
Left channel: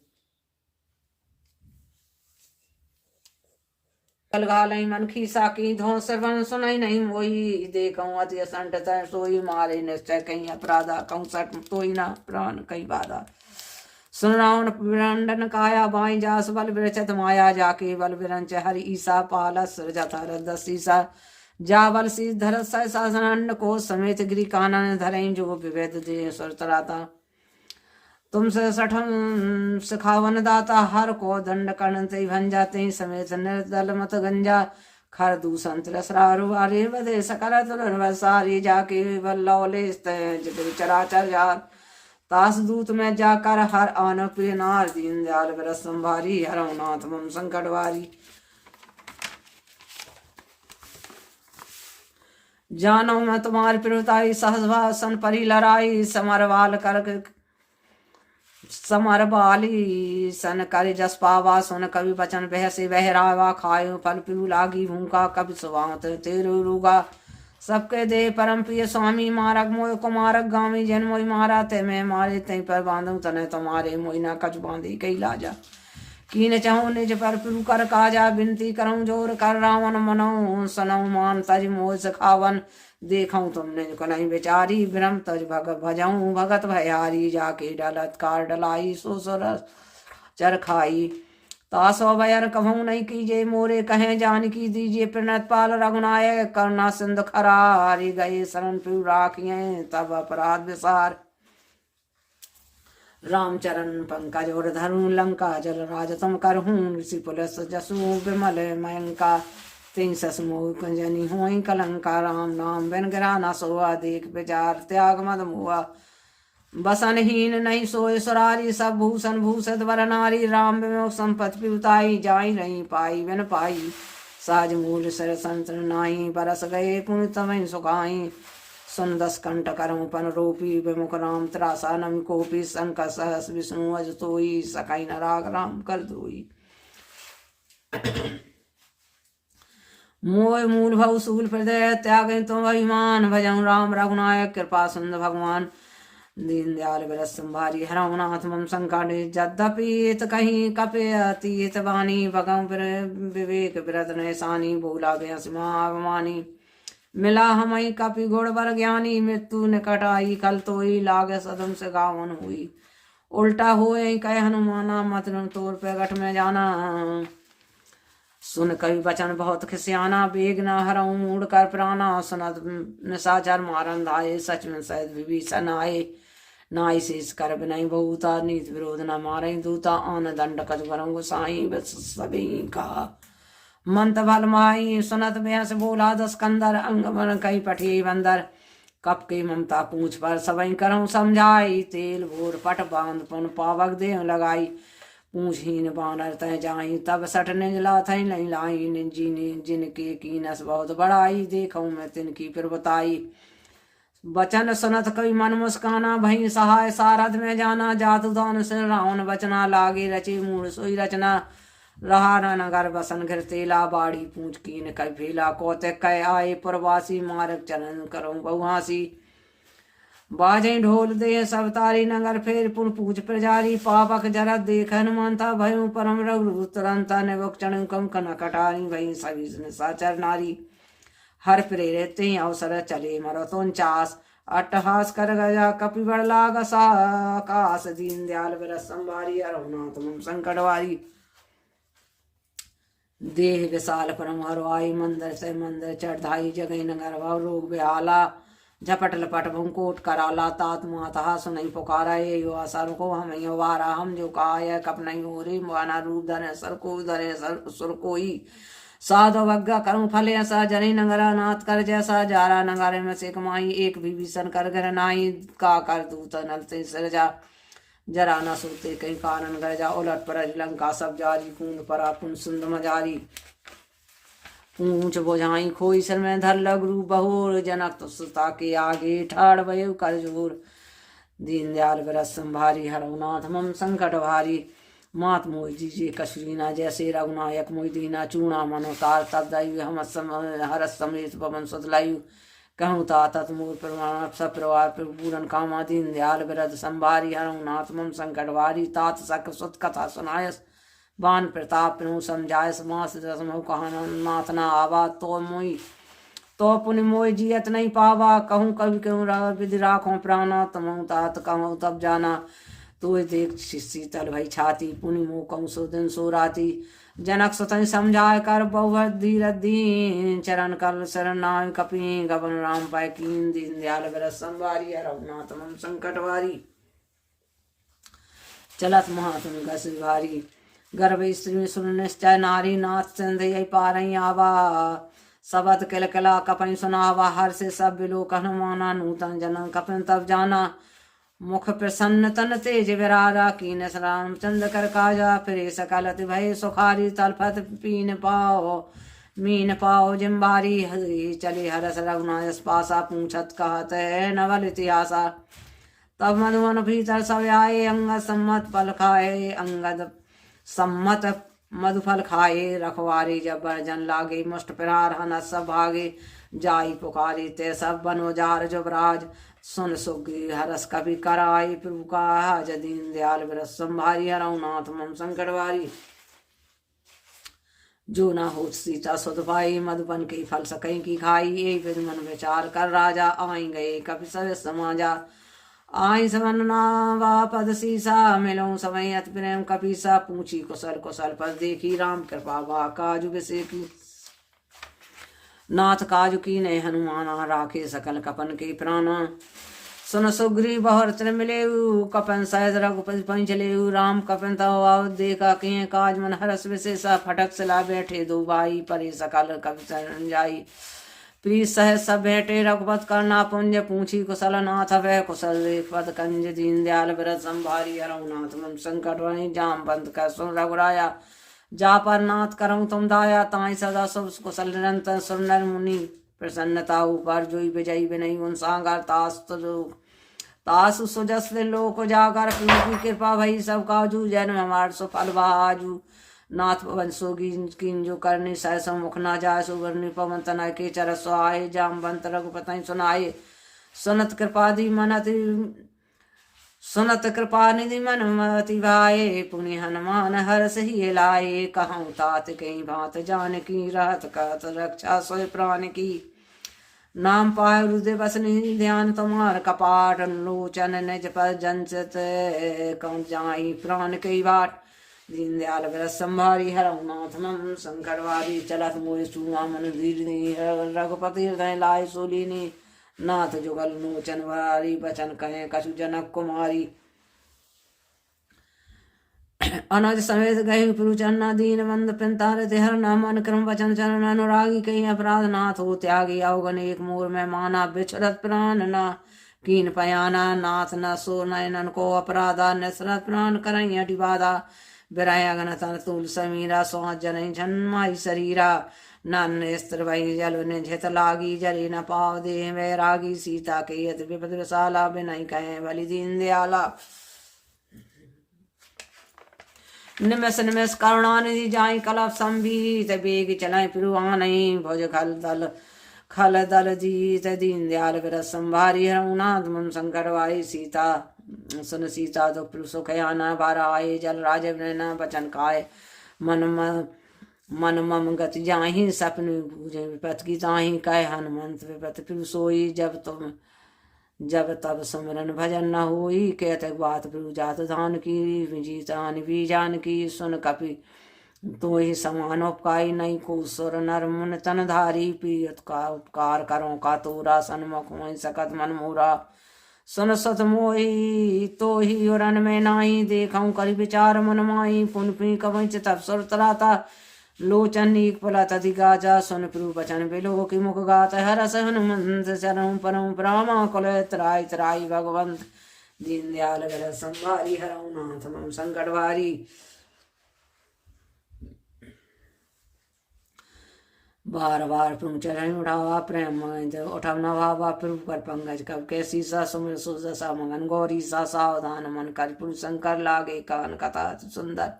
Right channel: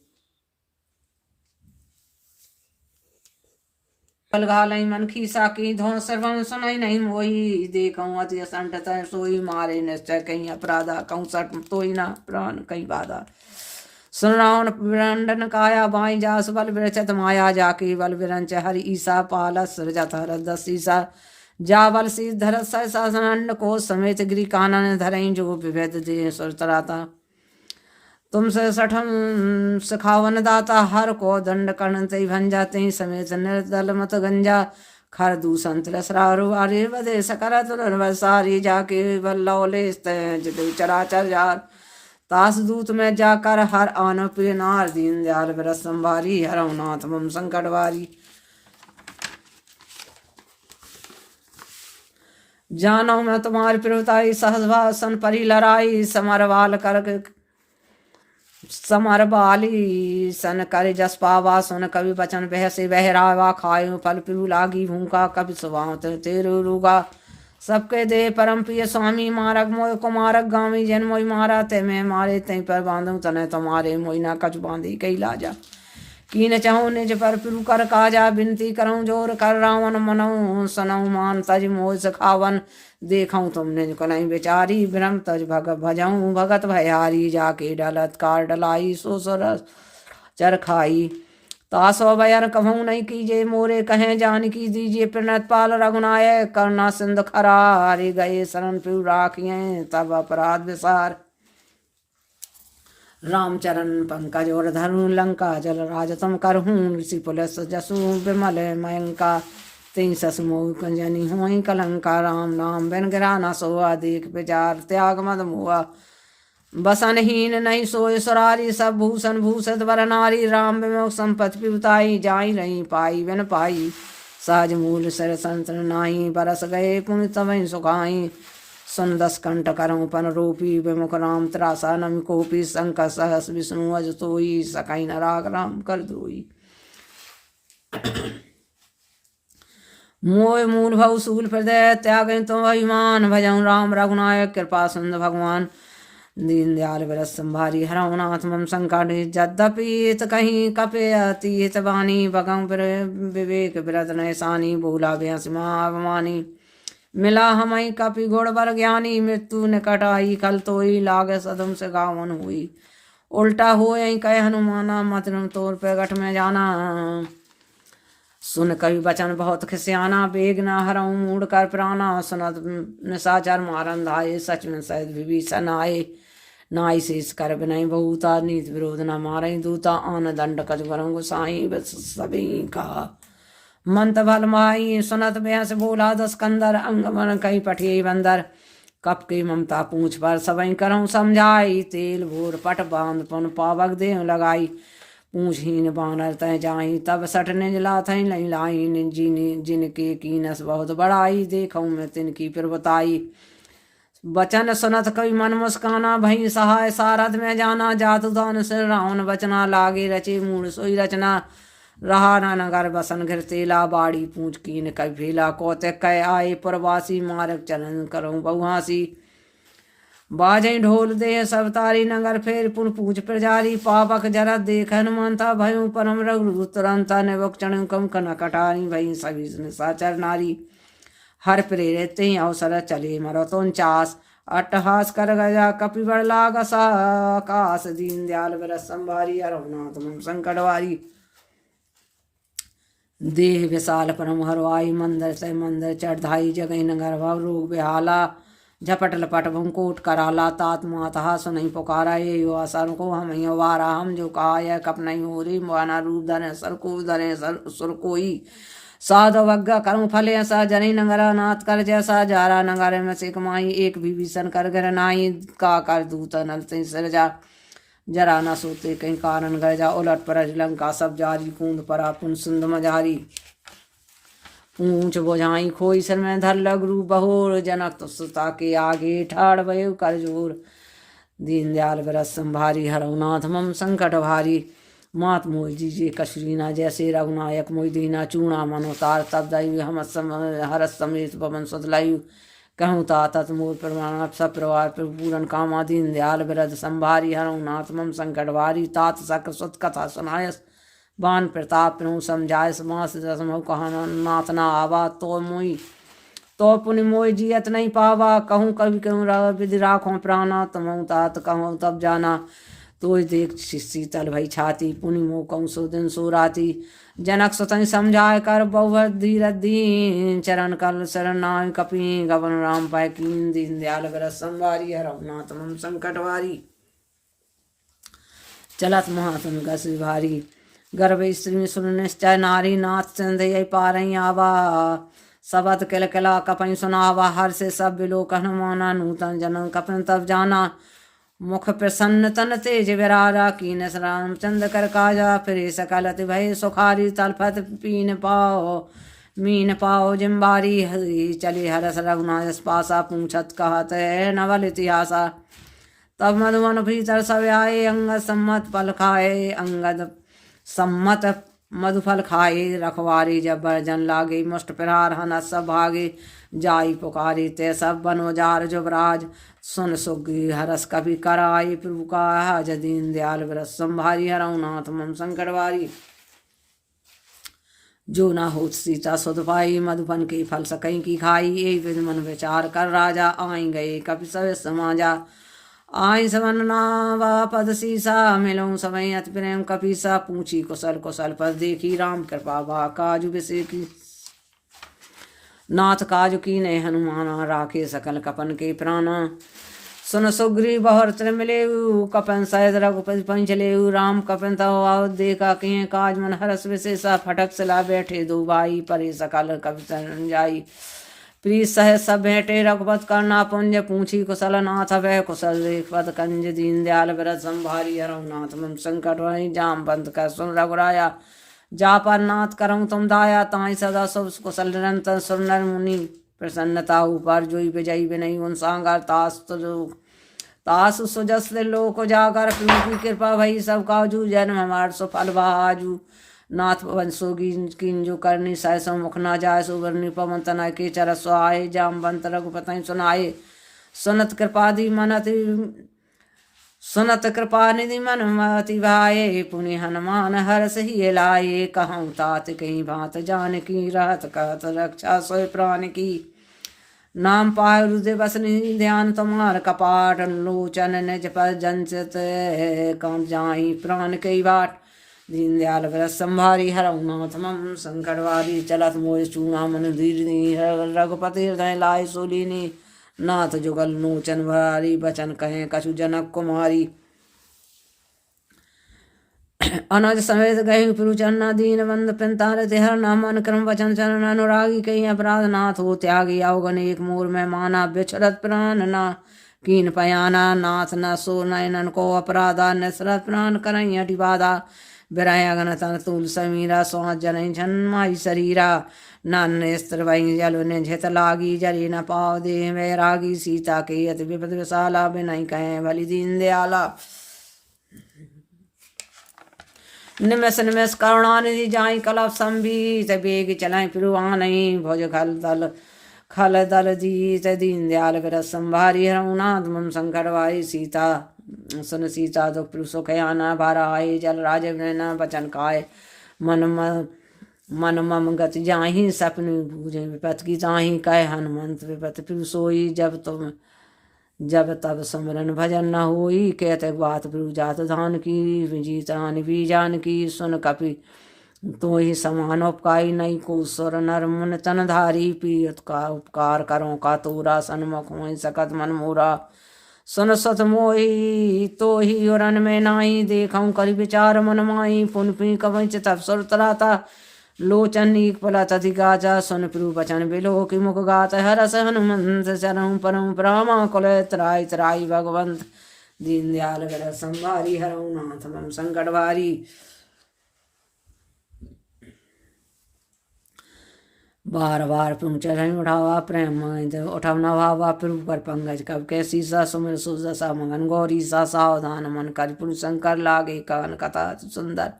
घालई मन खीसा की, धो सर्वन सुनई नहीं मोई। देखऊं अति असंट सोई, मारे निश्चय कहीं अपराधा। कहूँ सट तोई ना प्राण कहीं बाधा। सुन रावण विरंडन काया, बाई जास बल विरचत माया। जाकी बल विरंच हरि ईसा, पालस सृजत हर ईसा। जा बल सी धर सहसानंद को, समेत गिरी कानन धरई। जो विभेद दे सुरतराता, तुमसे सठम सखावन दाता। हर को दंड कर्ण ते भंजाते, समेत निर्दल मत गंजा। खर दूषण तिलसरारु आरे, बदे सकल तुर सारी। जाके बल्लौले चराचर जार, तास दूत में जाकर हर आन प्रिय नार। दीन दयाल विरस संभारी, हरऊ नाथ मम संकट वारी। जानो मैं तुम्हारी प्रियताई, सहजभाषण परी लड़ाई। समर बाली सन कर जस पावा। सुन कवि बचन बह से बहरावा। खायो फल पिरु लागी भूखा, कवि सुभात तेरु रूगा। सबके दे परम प्रिय स्वामी, मारक मोय कुमारक गामी। जन मोई मारा ते मैं मारे, तई पर बांधू तने तुम्हारे। मोई ना कछ बांधी कई लाजा, कीन चहु निज पर प्रभु कर काजा, बिनती करऊँ जोर कर रावण मनऊ, सनऊ मान तज मोह सखावन, देखऊँ तुम निज कनई बेचारी, ब्रह्म तज भग भजऊँ भगत भयारी, जाके डलत कार डलाई सो सरस चर खाई, तासो बयर कहूँ नहीं कीजे, मोरे कहें जानकी दीजिए, प्रणत पाल रघुनायक करुणा सिंधु खरारी, गए शरण पिउ राखिए तब अपराध विसार, रामचरण पंकज और धनु लंका जल राज तुम करहूँ, ऋषि पुलस जसु विमल मयंका, तीन सस मोह कंजनी हुई कलंका, राम नाम बिन गिरा न सोआ, देख विचार त्याग मद मुआ, बसनहीन नहीं सोए सुरारी, सब भूषण भूषित वर नारी, राम विमुख संपत्ति पिताई, जाई नहीं पाई बिन पाई, सहज मूल सर संत नाई, बरस गए पुण्य तवै सुखाई, सुन दस कंठ करऊँ पन रूपी, विमुख राम त्रासा नम कोपी, संकट सहस विष्णु अज तोई, सकाई न राग राम कर दोई, मोय मूल भव सूल हृदय त्याग तुम अभिमान, भजन राम रघुनायक कृपा सिंधु भगवान, दीन दयाल विरस संभारी, हरऊ नाथ मम संकट, यद्यपि कहीं कपे अतीत वाणी, बगम विवेक विरत नैसानी, बोला बेहसिमा अगमानी, मिला हमई कपि गुण बर ज्ञानी, मृत्यु निकट आई कल तोई, लाग सदम से गावन हुई, उल्टा हुए कह हनुमाना, मत तोर प्रगट में जाना, सुन कवि बचन बहुत खिसियाना, बेग न हरऊँ मूड कर प्राणा, सुनत निशाचर मारन धाये, सच में सहित विभीषण आए, नाई शेष कर विनय बहुता, नीत विरोध न मारई दूता, आन दंड कज वरं गोसाई, बस सभी का मंत भल माई, सुनत बेहस बोला दस कंदर, अंग वन कई पठे बंदर, कप के ममता पूछ पर सबई करऊँ समझाई, तेल भोर पट बांध पुन पावक देह लगाई, पूछहीन बानर तय जाई, तब सठ निज लाथई लई लाई, जिनके कीनस बहुत बड़ाई, देखऊँ मैं तिनकी फिर बताई, बचन सुनत कवि मन मुस्काना, भई सहाय सारथ में जाना, जातु दान से रावण बचना, लागे रचे मूल सोई रचना, रहा न नगर बसन घिरतेला, बाड़ी पूछ कीन कई भेला, कौतिक कह आए प्रवासी, मार्ग चलन करऊँ बहुहासी, बाजें ढोल दे सब तारी, नगर फेर पुन पूछ प्रजारी, पावक जरत देख हनुमंता, भयू परम रघु तुरंत, निबुक चढ़ कम कन कटारी, भई सभी साचर नारी, हर प्रेरित अवसर चले मरत 49, अट्टहास कर गया कपि बड़ लागसा, आकाश दीन दयाल विरस संभारी, अरहुनाथ मम संकटवारी, देह विशाल परम हरवाई, मंदिर से मंदिर चढ़ाई, जगह नगर भव रोग बेहाला, झपट लपट भूकोट कराला, तात माता सुनई पुकारा, ये यो असर को हम वारा, हम जो कहा यह कप नहीं हो रे, माना रूप धरे सर को धरे सुर कोई, साधु वज्ञा कर्म फल ऐसा, जनी नगरा नाथ कर जैसा, जारा नगर में से कमाई, एक भी भीषण कर घर नाई, का कर दूत नलते सिरजा, जरा न सोते कहीं कारण गरजा, उलट पर लंका सब जारी, कूद परा पुन सिंध मजारी, पूछ बोझाई खोई सर में धर लगरू बहोर, जनक तो सुता के आगे ठाड़ भयो कर जोर, दीन दयाल विरस संभारी, हरहुनाथ मम संकट भारी, मात मोह जीजे कशरीना, जैसे रघुनायक मोह दीना, चूणा मनोतार तब दैव हम हरस समेत पवन सुतलायु, कहूँ तात मोर प्रमाण सब प्रवार पूरन कामा, दीन दयाल विरद संभारी, हरहुनाथ मम संकट भारी, तात सक सुत कथा सुनायस, बान प्रताप प्रभु समझायस, मास दसमो कहा नाथ ना आवा, तो मोई तो पुनि मोय जियत नहीं पावा, कहूँ कभी कहूँ विधि राखों प्राणा, तमहु तात कहूँ तब जाना, तो देख शीतल भई छाती, पुनि मोह कहूँ सो दिन सो राती, जनक सुतन समझाय कर बहु धीरज दीन, चरण कल शरण नाय कपि, गवन राम पाय कीन, दीन दयाल विरस संभारी, हरहुनाथ मम संकट भारी, चलत महातुम गस भारी, गर्भ स्त्री सुन निश्चय नारी, नाथ चंद पारई आवा, सबत किल किला कपई सुनावा, हर से सब बिलोक हनुमाना, नूतन जनम कपन तब जाना, मुख प्रसन्न तन तेज विराजा, कीनस रामचंद्र कर काजा, फिर सकल अति भय सुखारी, तलफत पीन पाओ मीन पाओ जिम्बारी, हरि चले हरस रघुनाथ पासा, पूछत कहत नवल इतिहासा, तब मधुवन भीतर सब आए, अंगद सम्मत फल खाए, अंगद सम्मत मधुफल खाए, रखवारी जब बर्जन लागे, मुष्ट प्रहार हनस सब भागे, जाई पुकारी ते सब बनोजार जुबराज, सुन सुग्री हरस कभी कराई, प्रभु का दीन दयाल विरस संभारी, हरहुनाथ मम संकट भारी, जो न होत सीता सुध पाई, मधुपन के फल सकई की खाई। एक विध मन विचार कर राजा, आई गए कपि सब समाजा। आई समन नावा पद सीसा, मिलऊं समय अति प्रेम कपीसा। पूछी कुशल कुशल पद देखी, राम कृपा बा काजु विषय की। नाथ काजु की ने हनुमाना, राखे सकल कपन के प्राणा। सुन सुग्रीव बहुर त्र मिलेऊ, कपन सहित रघुपति पंचलेऊ। राम कपन तव देखा किए, काज मन हरस विशेषा। फटक सला बैठे दो भाई, परे सकल कपि संजाई। प्रीत सह सब भेंटे रघुपत करना पुंज, पूछी कुशल नाथ वह कुशल पद कंज। दीन दयाल व्रत संभारी, हरहुनाथ मन संकट वही। जामवंत कह सुन रघुराया, जा पर नाथ करऊं तुम दाया। ताई सदा शुभ कुशल निरंतर, सुर नर मुनि प्रसन्नता ऊपर। जोई विजयी विनयी उन सांगर, तास सुजस लोक जागर। की कृपा भई सब काजू, जन्म हमार सुफल बाजू। नाथ वंशोगी किंजो करनी, सहस मुख ना जाय। सुवर्णि पवन तनय के चर सुहाए। जामवंत रघुपति सुनाए, सुनत कृपादि मनति सुनत कृपा निधि मन मति भाए। पुनि हनुमान हर्ष ही लाए, कहूँ तात कहीं बात जानकी। रहत कहत रक्षा सोय प्राण की। नाम पाय हृदय बसनि ध्यान, तुम्हार कपाट लोचन निज पर जंचित। कम जाई प्राण कई बाट, दीन दयाल व्रत संभारी। हरहुनाथ मम संकट वारी, चलत मोय चूंगा मन दीर्घि। रघुपति हृदय लाय सोलीनी, नाथ जुगल लोचन भारी। बचन कहें कछु जनक कुमारी, अनज समेत गही पुरुचरना। दीन बंद पिंतार तिहर नाम, अनुक्रम वचन चरण अनुरागी। कहीं अपराध नाथ हो त्यागी, अवगन एक मोर में माना। बिछड़त प्राण ना कीन पयाना, नाथ न सो नयनन को अपराधा। निसरत प्राण करई हटि बाधा, बिरह अगन तन तूल समीरा। स्वास जन जन्माई शरीरा, नान स्त्र वही जल निझित लागी। जले न पाव देह वैरागी, सीता के अति विपद विशाला। बिनई कहें भली दीन दयाला, निमिष निमिष करुणानिधि। जाई कलप संभीत, बेग चलें पिरुआनई। भुज खल दल जीत, दीन दयाल व्रत संभारी। हरहुनाथ मम संकट वारी। सीता सुन सीता दुख सुख आना, बार आए जल राजव नैना। बचन खाए मन मम गति जाहि, सपन बूझे विपत की ताहि। कह हनुमंत विपत पिरु सोई, जब तब सुमरन भजन न होई। कहते बात प्रभु जात धान की, जीतान भी जान की। सुन कपि तो ही समान उपकाई, नहीं को सुर नर मुन तन धारी। पीत का उपकार करो का तोरा, सन्मुख हो सकत मन मोरा। सुन सत मोही तो ही उरन में नाही, देखऊं करि विचार मन माही। पुन पी कवच तब सुर तराता, लोचन एक पलत अधिकाचा। सुन प्रभु बचन बिलो की मुख गात। हरस हनुमंत चरम परम परामा, कुल त्राय त्राई भगवंत। दीन दयाल व्रत संभारी, हरहुनाथ मम संकट भारी। बार बार प्रभु चरण उठावा, प्रेम उठवना भावा। प्रभु पर पंकज कब कैसी सा, सुमिर सुदशा मगन गौरी सा। सावधान मन कर प्रभु शंकर, लागे कान कथा सुंदर।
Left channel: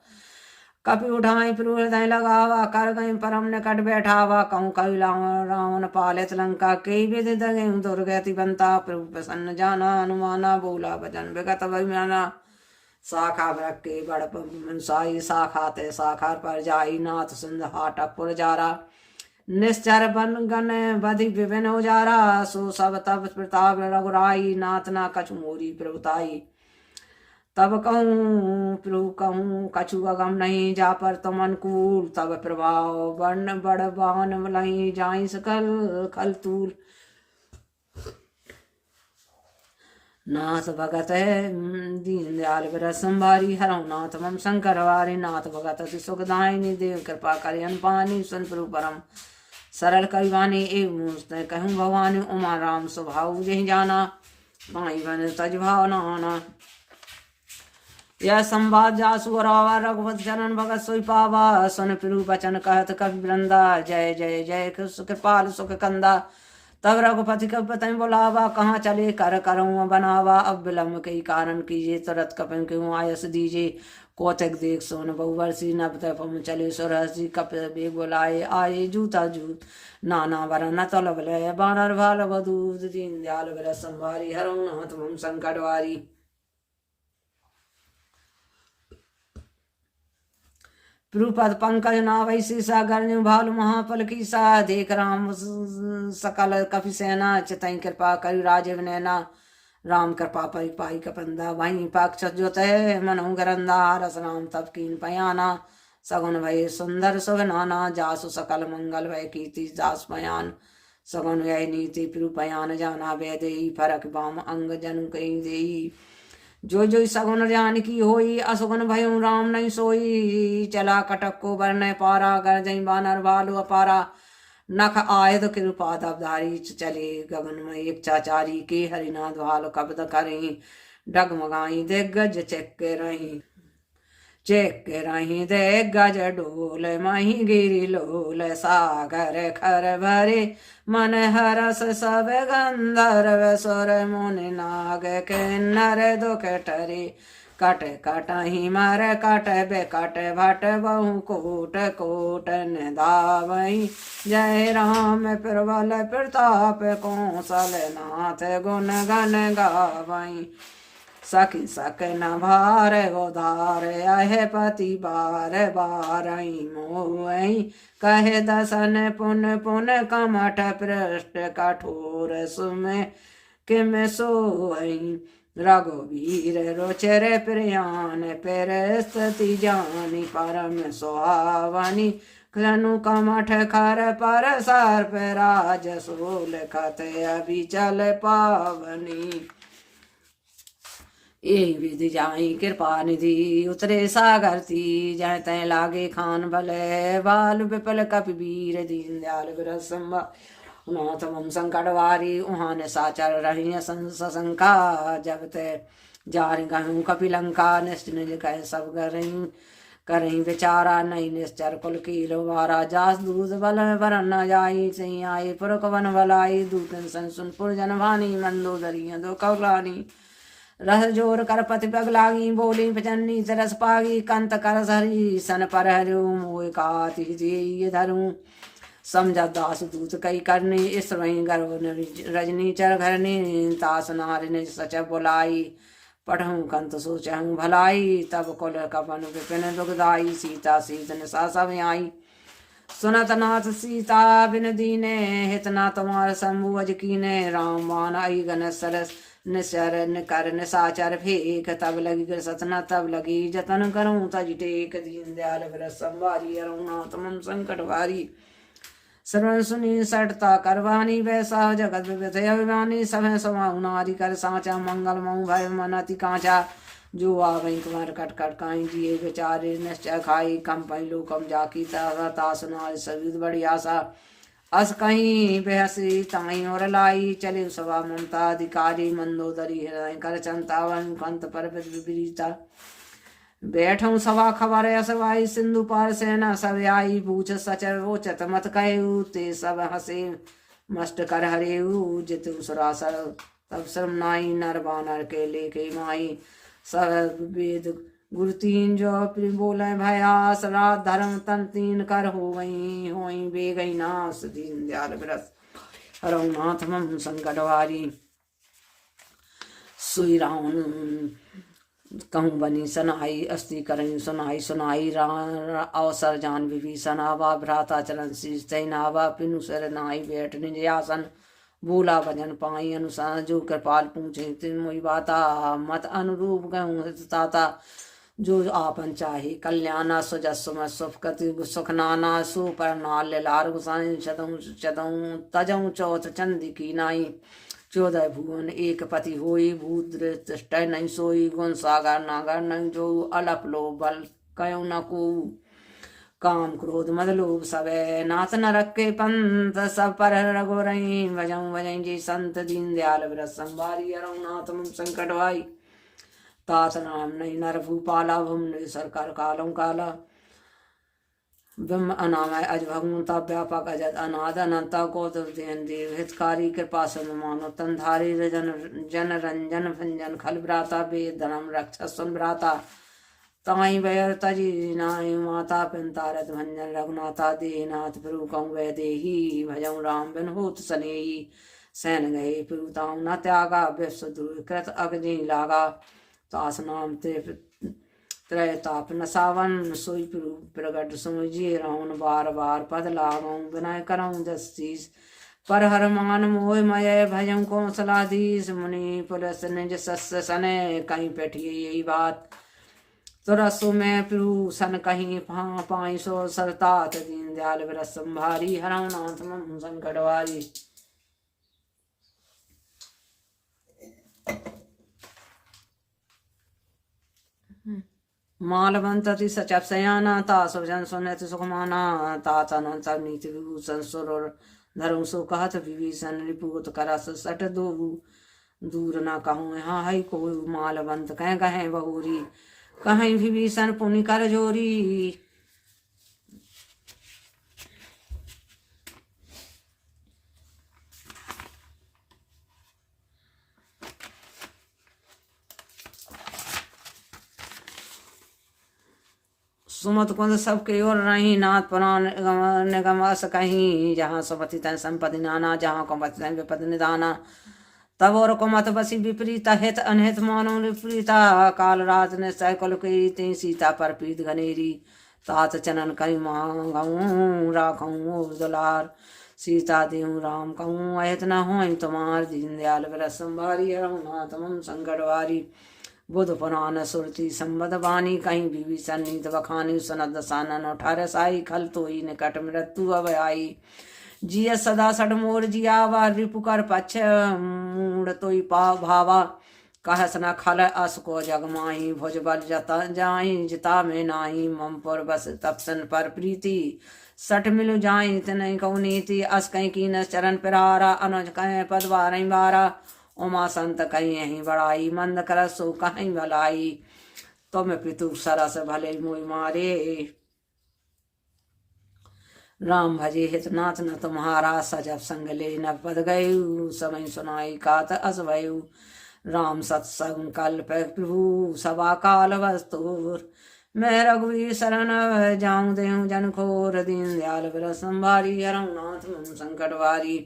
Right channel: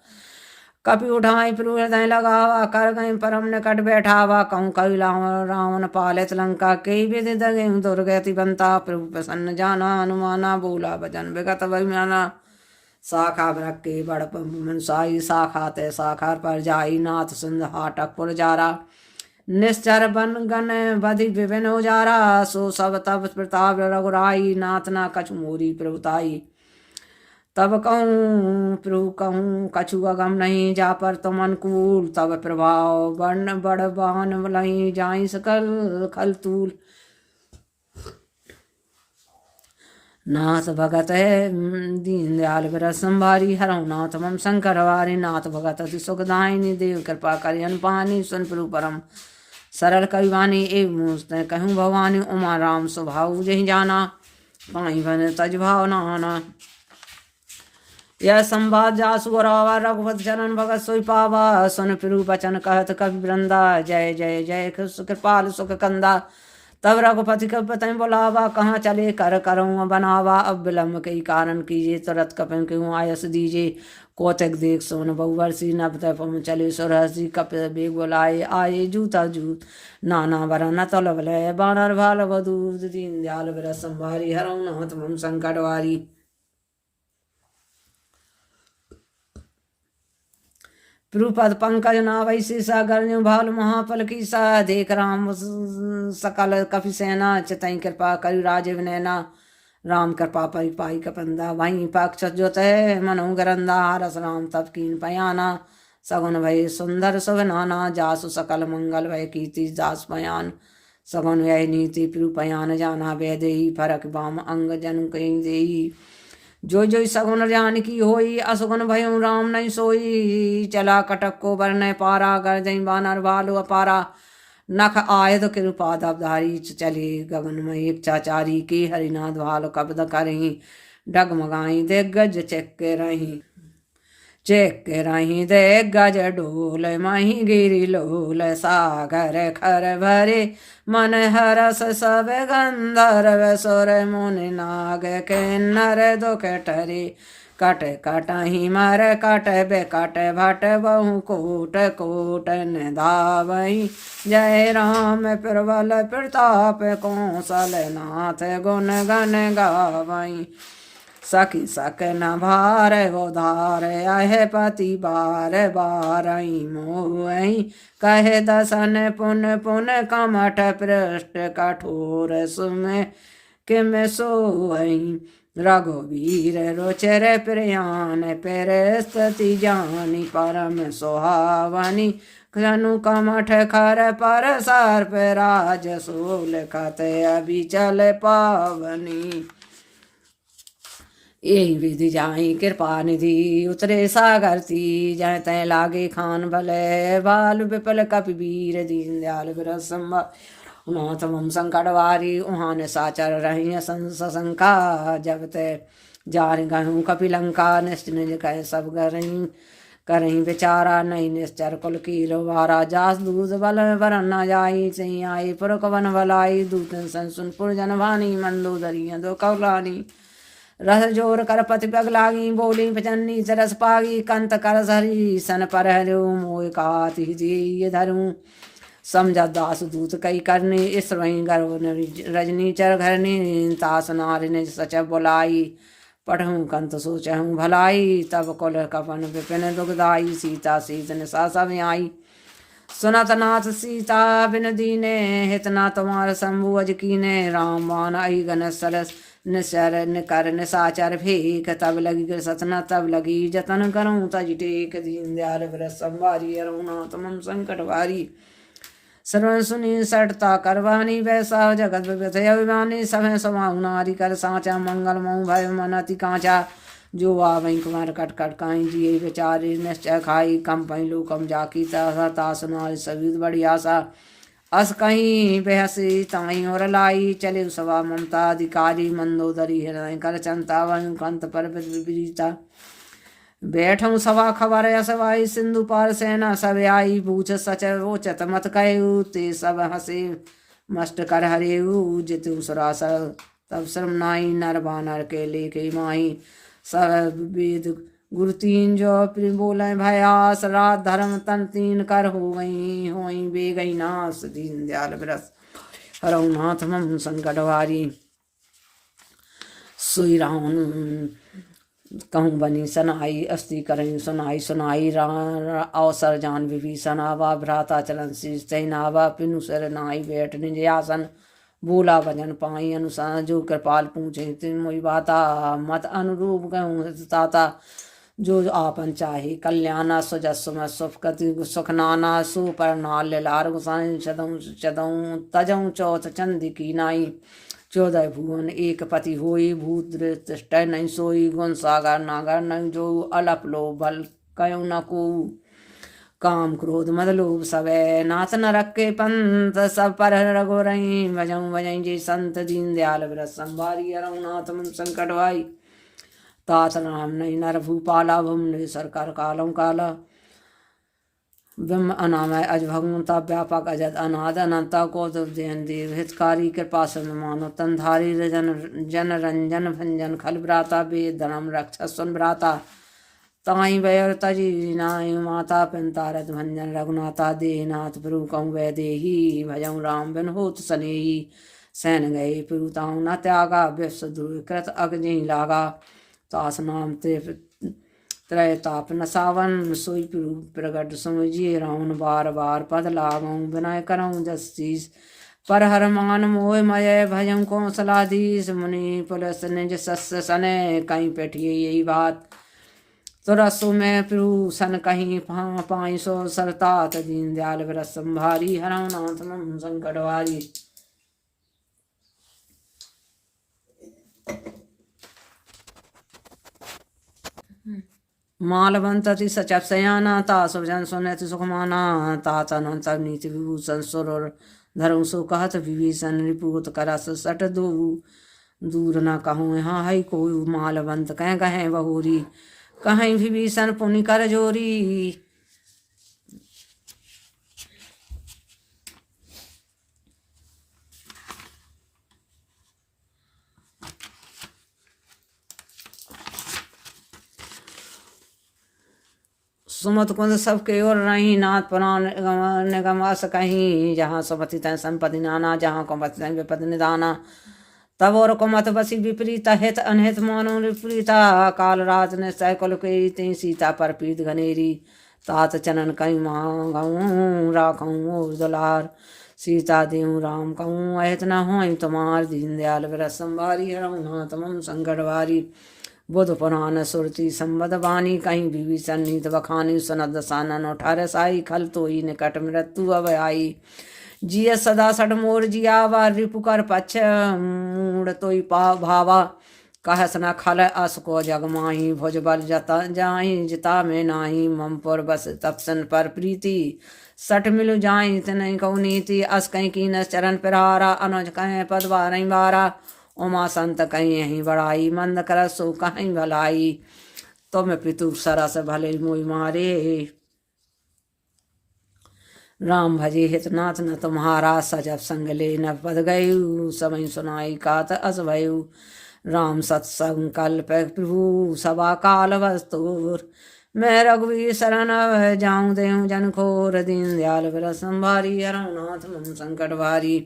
कपि उठाए प्रभु हृदय लगावा, कर गए परम निकट बैठावा। कहूँ कवि रावण पालित लंका, कई विधि दगे दुर्गति बनता। प्रभु प्रसन्न जाना हनुमाना, बोला वचन विगत अभिमाना। शाखा वृक्ष के बड़ मनसाई, शाखा ते शाखा पर जाई। नाथ सिंध हाटक पुर जारा, निश्चर बन गन बधि विभिन उजारा। सो सब तब प्रताप रघुराई, नाथ ना कछु मोरी प्रभुताई। तब कहूँ प्रभु कहूँ कछु अगम नहीं, जा पर तुम अनुकूल। तब प्रभाव वर्ण बड़ बान लही, जाई सकल खल तूल। नाथ भगत है दीन दयाल व्रत संभारी, हरहुनाथ मम शंकर वारी। नाथ भगत अति सुखदायिनी, देव कृपा करि अनुपानी। सुन प्रभु परम सरल करिवानी, एक मुझते कहूँ भवानी। उमा राम स्वभाव जही जाना, पाई बन तज भाव नाना। यह संवाद जासु रावा, रघुपति चरण भगत सोई पावा। सुन प्रभु बचन कहत कवि वृंदा, जय जय जय कृपाल सुख कंदा। तब रघुपति कपि बुलावा, कहाँ चले कर करऊँ बनावा। अब विलम्ब कई कारण कीजिए, तुरत कपि क्यों आयस दीजिए। कौतक देख सोन बहुवर्षी, नभ तप चले सुरहसी। कपि बेग बुलाए आए, जूता जूत नाना वरन तलब लय। बानर भाल बधूत, दीन दयाल व्रत संभारी। हरहुनाथ मम संकट वारी। प्रुपद पंकज नावै शीसा गर्जु भालु महाफल की सा देख राम सकल कपि सेना चितई कृपा करि राजीव नैना राम कृपा परिपाई कपंदा वहीं पक्ष जोत है मनु गरंदा रस राम तब कीन पयाना सगुन भय सुंदर सुख नाना जासु सकल मंगल भय कीर्ति दास पयान सगुन व्यय नीति पयान जाना वैदेही फरक बाम अंग जन कहीं देही जो जो सगुन जान की होई असगुन भयउ राम नहीं सोई चला कटक को बरन पारा कर जई बानर भालु अपारा नख आयद कृपा दबधारी चले गगन में इच्छाचारी के हरिनाथ भाल कब्द करही डगमगाई दिग्गज चेक रही दे गज डोल मही गिरी लोल सागर खर भरे मन हरस सब गंधर्व सुर मुनि नाग किन्नर दुख टरे कट कटहि मर कट बेकट भट बहु कोट कोट निधावहि जय राम प्रबल प्रताप कौशल नाथ गुण गण गावहि सखी सक न भार गोधार अह पति बार बारई मोहि कहे दसन पुन पुन कमठ पृष्ठ कठोर सुम किम सोई रघुवीर रुचिर प्रियान पर स्तति जानी परम सुहावनी धनु कमठ खर पर सर्प राज सूल खत अभिचल पावनी यही विधि जाई कृपा निधि उतरे सागर थी जय तय लागे खान भले बाल विपल कपि वीर दीन दयाल विरसम नाथ मम संकट वारी उहान साचर रही सशंका जब ते जार गहूँ कपि लंका निश्चित कह सब करही बेचारा नहीं निश्चर कुल की वारा जास दूध बल वर न जाई चई आई पुरक वन भलाई दूतन संसुन पुरजन भानी मंदोदरी दो कौलानी रस जोर कर पति पग लागी बोली पचन्नी सरस पागी कंत कर सरी सन पर हरु मोय काति जी धरू समझा दास दूत कई करने इस वहीं गर्भ रजनी चर घरने तास नारी ने सच बुलाई पढ़ूं कंत सोचहूँ भलाई तब कुल कपन विपिन दुखदाई सीता सीतन सा सब आई सुनत नाथ सीता बिन दीने हितना तुम्हार शंभु अज कीने राम मान आई गन सरस निसर निकर निसाचर फेक तब लगी सतना तब लगी जतन करूँ तज टेक दीन दयाल व्रत संवारी अरुणात मन संकट वारी सर्व सुनी सटता करवानी वैसा जगत विविध अभिमानी समय समाऊ नारी कर साचा मंगल मऊ भय मन अति कांचा जो आवई कुमार कट कट काई जिये बेचारे निश्चय खाई कम पहलू कम जाकी तास नारी सविद बड़ी आशा अस कहीं बेहसी ताई और लाई चले सवा ममता अधिकारी मंदोदरी हृदय कर चंता वन कंत पर विपरीता बैठूं सवा खबर असवाई सिंधु पार सेना सब आई बूझ सच वोचत मत कहू ते सब हसे मस्ट कर हरेऊ जितु सरासर तब श्रम नाई नर बानर के लेके माही सब वेद गुरु तीन जो प्रिय बोले भयास रात धर्म तन तीन कर हो गई बे गई नास दीन दयाल व्रत हरनाथ मम संकट वारी सुई राम कहूँ बनी सनाई अस्ति करई सुनाई सुनाई अवसर जान विभीषण आवा भ्राता चलन शीष नावा पिनु सर नाई बैठ निज आसन बोला भजन पाई अनुसार जो कृपाल पूछे तिन मोई बाता मत अनुरूप कहूँ ताता जो आपन चाहे कल्याणा सुजस सुम सुखति सुखनाना सुपर नाल लार गुसाई चदऊ चदऊ तजऊ चौथ चंदी की नाई 14 भुवन एक पति होई भूत दृष्ट नहीं सोई गुण सागर नागर नहीं जो अलप लो बल कयो न को काम क्रोध मद लोभ सवै नाथ नरक के पंथ सब पर रघो रही भजऊ भजई जी संत दीन दयाल व्रत संभारी रघुनाथ मम संकट वाई तात राम नहीं नर भूपाला भुम नहीं सरकार कालम काला ब्रह्म अनामय अज भगवंता व्यापक अजत अनाद अनंता को जैन देव हितकारी कृपा मानो तनधारी जन रंजन भंजन खल भ्राता वेद धर्म रक्ष सुन भ्राता ताई वयर तजी नाय माता पिंतारत भंजन रघुनाथा देहनाथ प्रभु कहूँ वै देही भजऊ राम बिन होत सनेही सैन गए पिताऊ न त्यागा व्यस कृत अग्नि लागा तास नाम ते त्रैताप न सावन सोई प्रगट समझिए राउन बार बार पद लागऊं विनय करऊं जस्टिस पर हर मान मोह मय भजम कौशलाधीश मुनि पुलस निज सस्य सने कहीं बैठिए यही बात तुरसु में प्रभु सन कहीं पाई सो सरतात दीन दयाल विरस संभारी हरनाथ मम संकटवारी। मालवंतति सचप सयाना ता सुजन सुनति सुखमाना ता चन सब नीति विभूषण सुर धर्म सो कहत विभीषण रिपुत करस सट दूर न कहूँ यहाँ है कोई मालवंत कहें बहोरी कहीं विभीषण पुनि कर जोरी। सुमत कुंद सबके ओर रही नाथ पुराण निगम अस कहीं जहाँ सुमति तन संपत्ति नाना जहाँ कुमति तन विपद निदाना तब और कुमत बसी विपरीता हित अनहित मानो विपरीता काल रात ने सैकल केरी ते सीता पर पीत घनेरी तात चनन कहीं मांगऊं राखऊं दुलार सीता देव राम कहूँ अहित न हो तुम्हार दीन दयाल विरस संभारी रघुनाथ मम संकटवारी। बुध पुराण सुरति संबद वाणी कहीं विभीषण नीत बखानी सुनद सानन उठार साई खल तो ही निकट मृत्यु अब आई जिय सदा सड मोर जियावा रिपुकर पछ मूड तोई भावा कहस न खल अस को जग माही भुज बल जता जाहि जिता में नाही ममपुर बस तपसन पर प्रीति सठ मिलु जाहि तनय कौ नीति अस कहीं की न चरण पिरारा अनुज कहें पद बारही बारा उमा संत कहीं यहीं बड़ाई मंद कर सो कहीं भलाई तुम पितु सरस भले मोई मारे राम भजे हितनाथ न तुम्हारा सजब संग ले न पद गयु समय सुनाई कात अस भयु राम सत्संकल्प प्रभु सभा काल वस्तुर मैं रघुवीर शरण जाऊं देहूं जन खोर दीन दयाल विरस संभारी हरनाथ मम संकट भारी।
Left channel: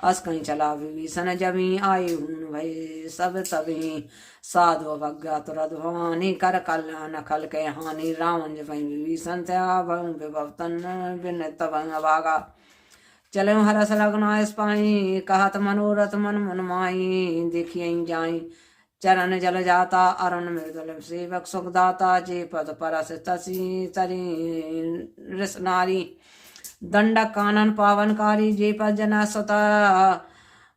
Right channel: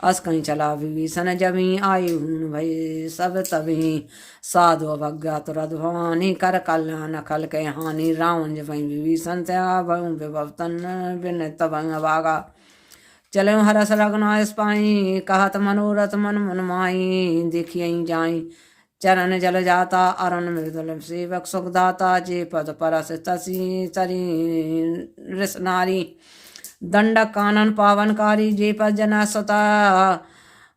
अस कहीं चला विभीषण जमी आयु भय सब तभी साधु अवज्ञा तुरद भवानी कर कल्याण खल के हानि रावण जब विभीषण विभवतन बिन तब अभागा चले हरस रघुनाथ पाई कहत मनोरथ मन मन माई देखिए जाई चरण जल जाता अरुण मृदुल सेवक सुखदाता जे पद परस तसी तरी ऋष नारी दंडक कानन पावनकारी जे पद जना सता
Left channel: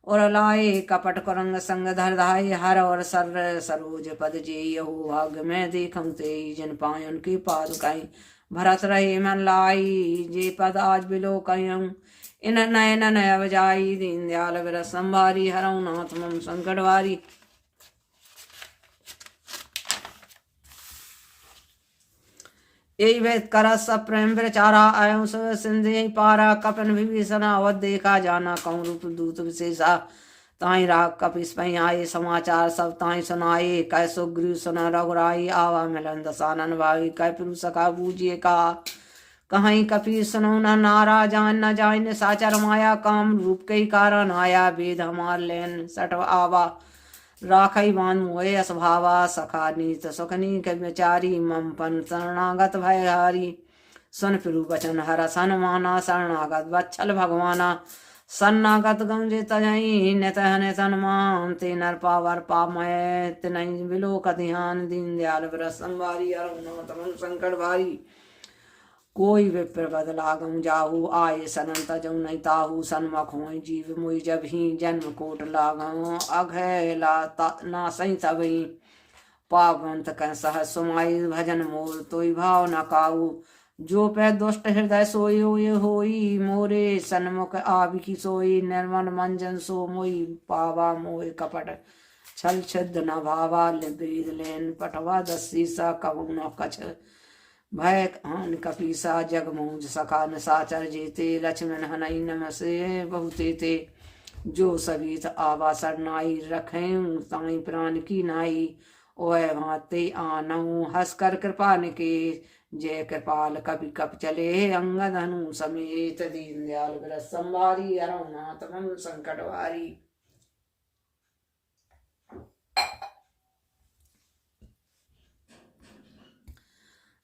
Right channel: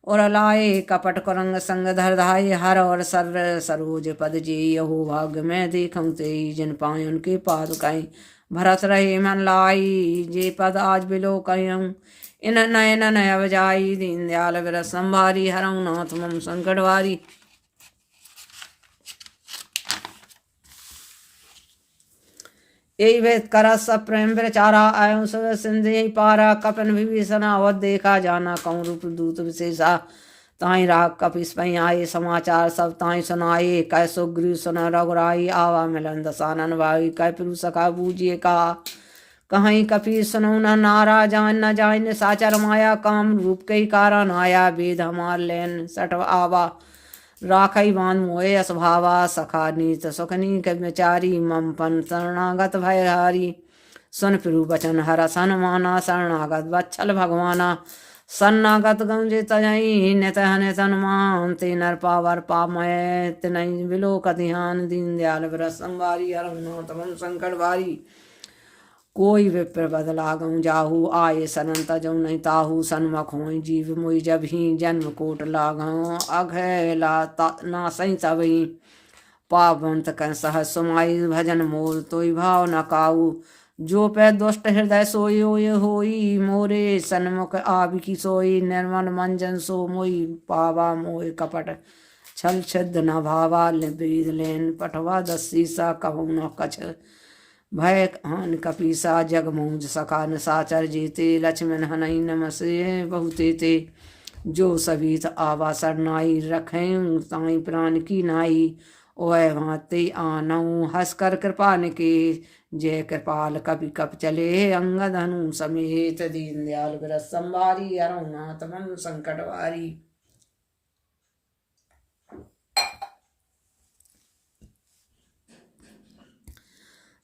और लाए कपट करंग संग धर धाय हर और सर सरोज पद जी यहो भाग्य में देखम ते जिन पाए उनके पाद कहीं भरत रहे मन लाई जे पद आज बिलो कयं इन नयन नय जाई दीन दयाल विरस संभारी हरऊ नाथ मम संकटवारी। यही वेद कर सब प्रेम प्रचारा आयो सब सिंधि पारा कपन विभीषण अवध देखा जाना कहूँ रूप दूत विशेषा ताई राग कपिस पई आए समाचार सब ताई सुनाए कै सुग्रीव सुना रघुराई आवा मिलन दसानन भाई कै पुरु सखा बूझिए का कहीं कपि सुनो न नारा जान न जान साचर माया काम रूप के कारण आया वेद हमार लेन सट आवा राखई बान मोए असभावा सखा नीत सुखनी के विचारी मम पन शरणागत भयहारी सुन फिरु बचन हर सनमाना शरणागत वत्सल भगवाना सन्नागत गंजे तयई नित हनुमान ते नर पावर पामय तिनई बिलोक ध्यान दीन दयाल विरस संभारी रघुनाथ मन संकट भारी। कोई विप्र बदला गऊ जाहू आये सनन तजऊ नहीं ताहू सन्मुख होई जीव मोई जब ही जन्म कोट लागऊ अघला ना सही तबही पावंत क सह सुमाई भजन मोर तोई भाव न काऊ जो पै दुष्ट हृदय सोई होई मोरे सन्मुख आबि की सोई निर्मल मंजन सो मोई पावा मोय कपट छल छिद न भावा ब्रीद लेन पठवा दसी सा कहू न कछ भय हान कपीसा जग मौज सखा न साचर जीते लक्ष्मण हनई नमसे बहुते ते जो सभीत आवा सरनाई रखें ताई प्राण की नाई ओए भाते आनऊ हंस कर कृपा के जय कृपाल कपि कप चले अंगद हनु समेत दीन दयाल विरस संभारी रघुनाथ मन संकट वारी।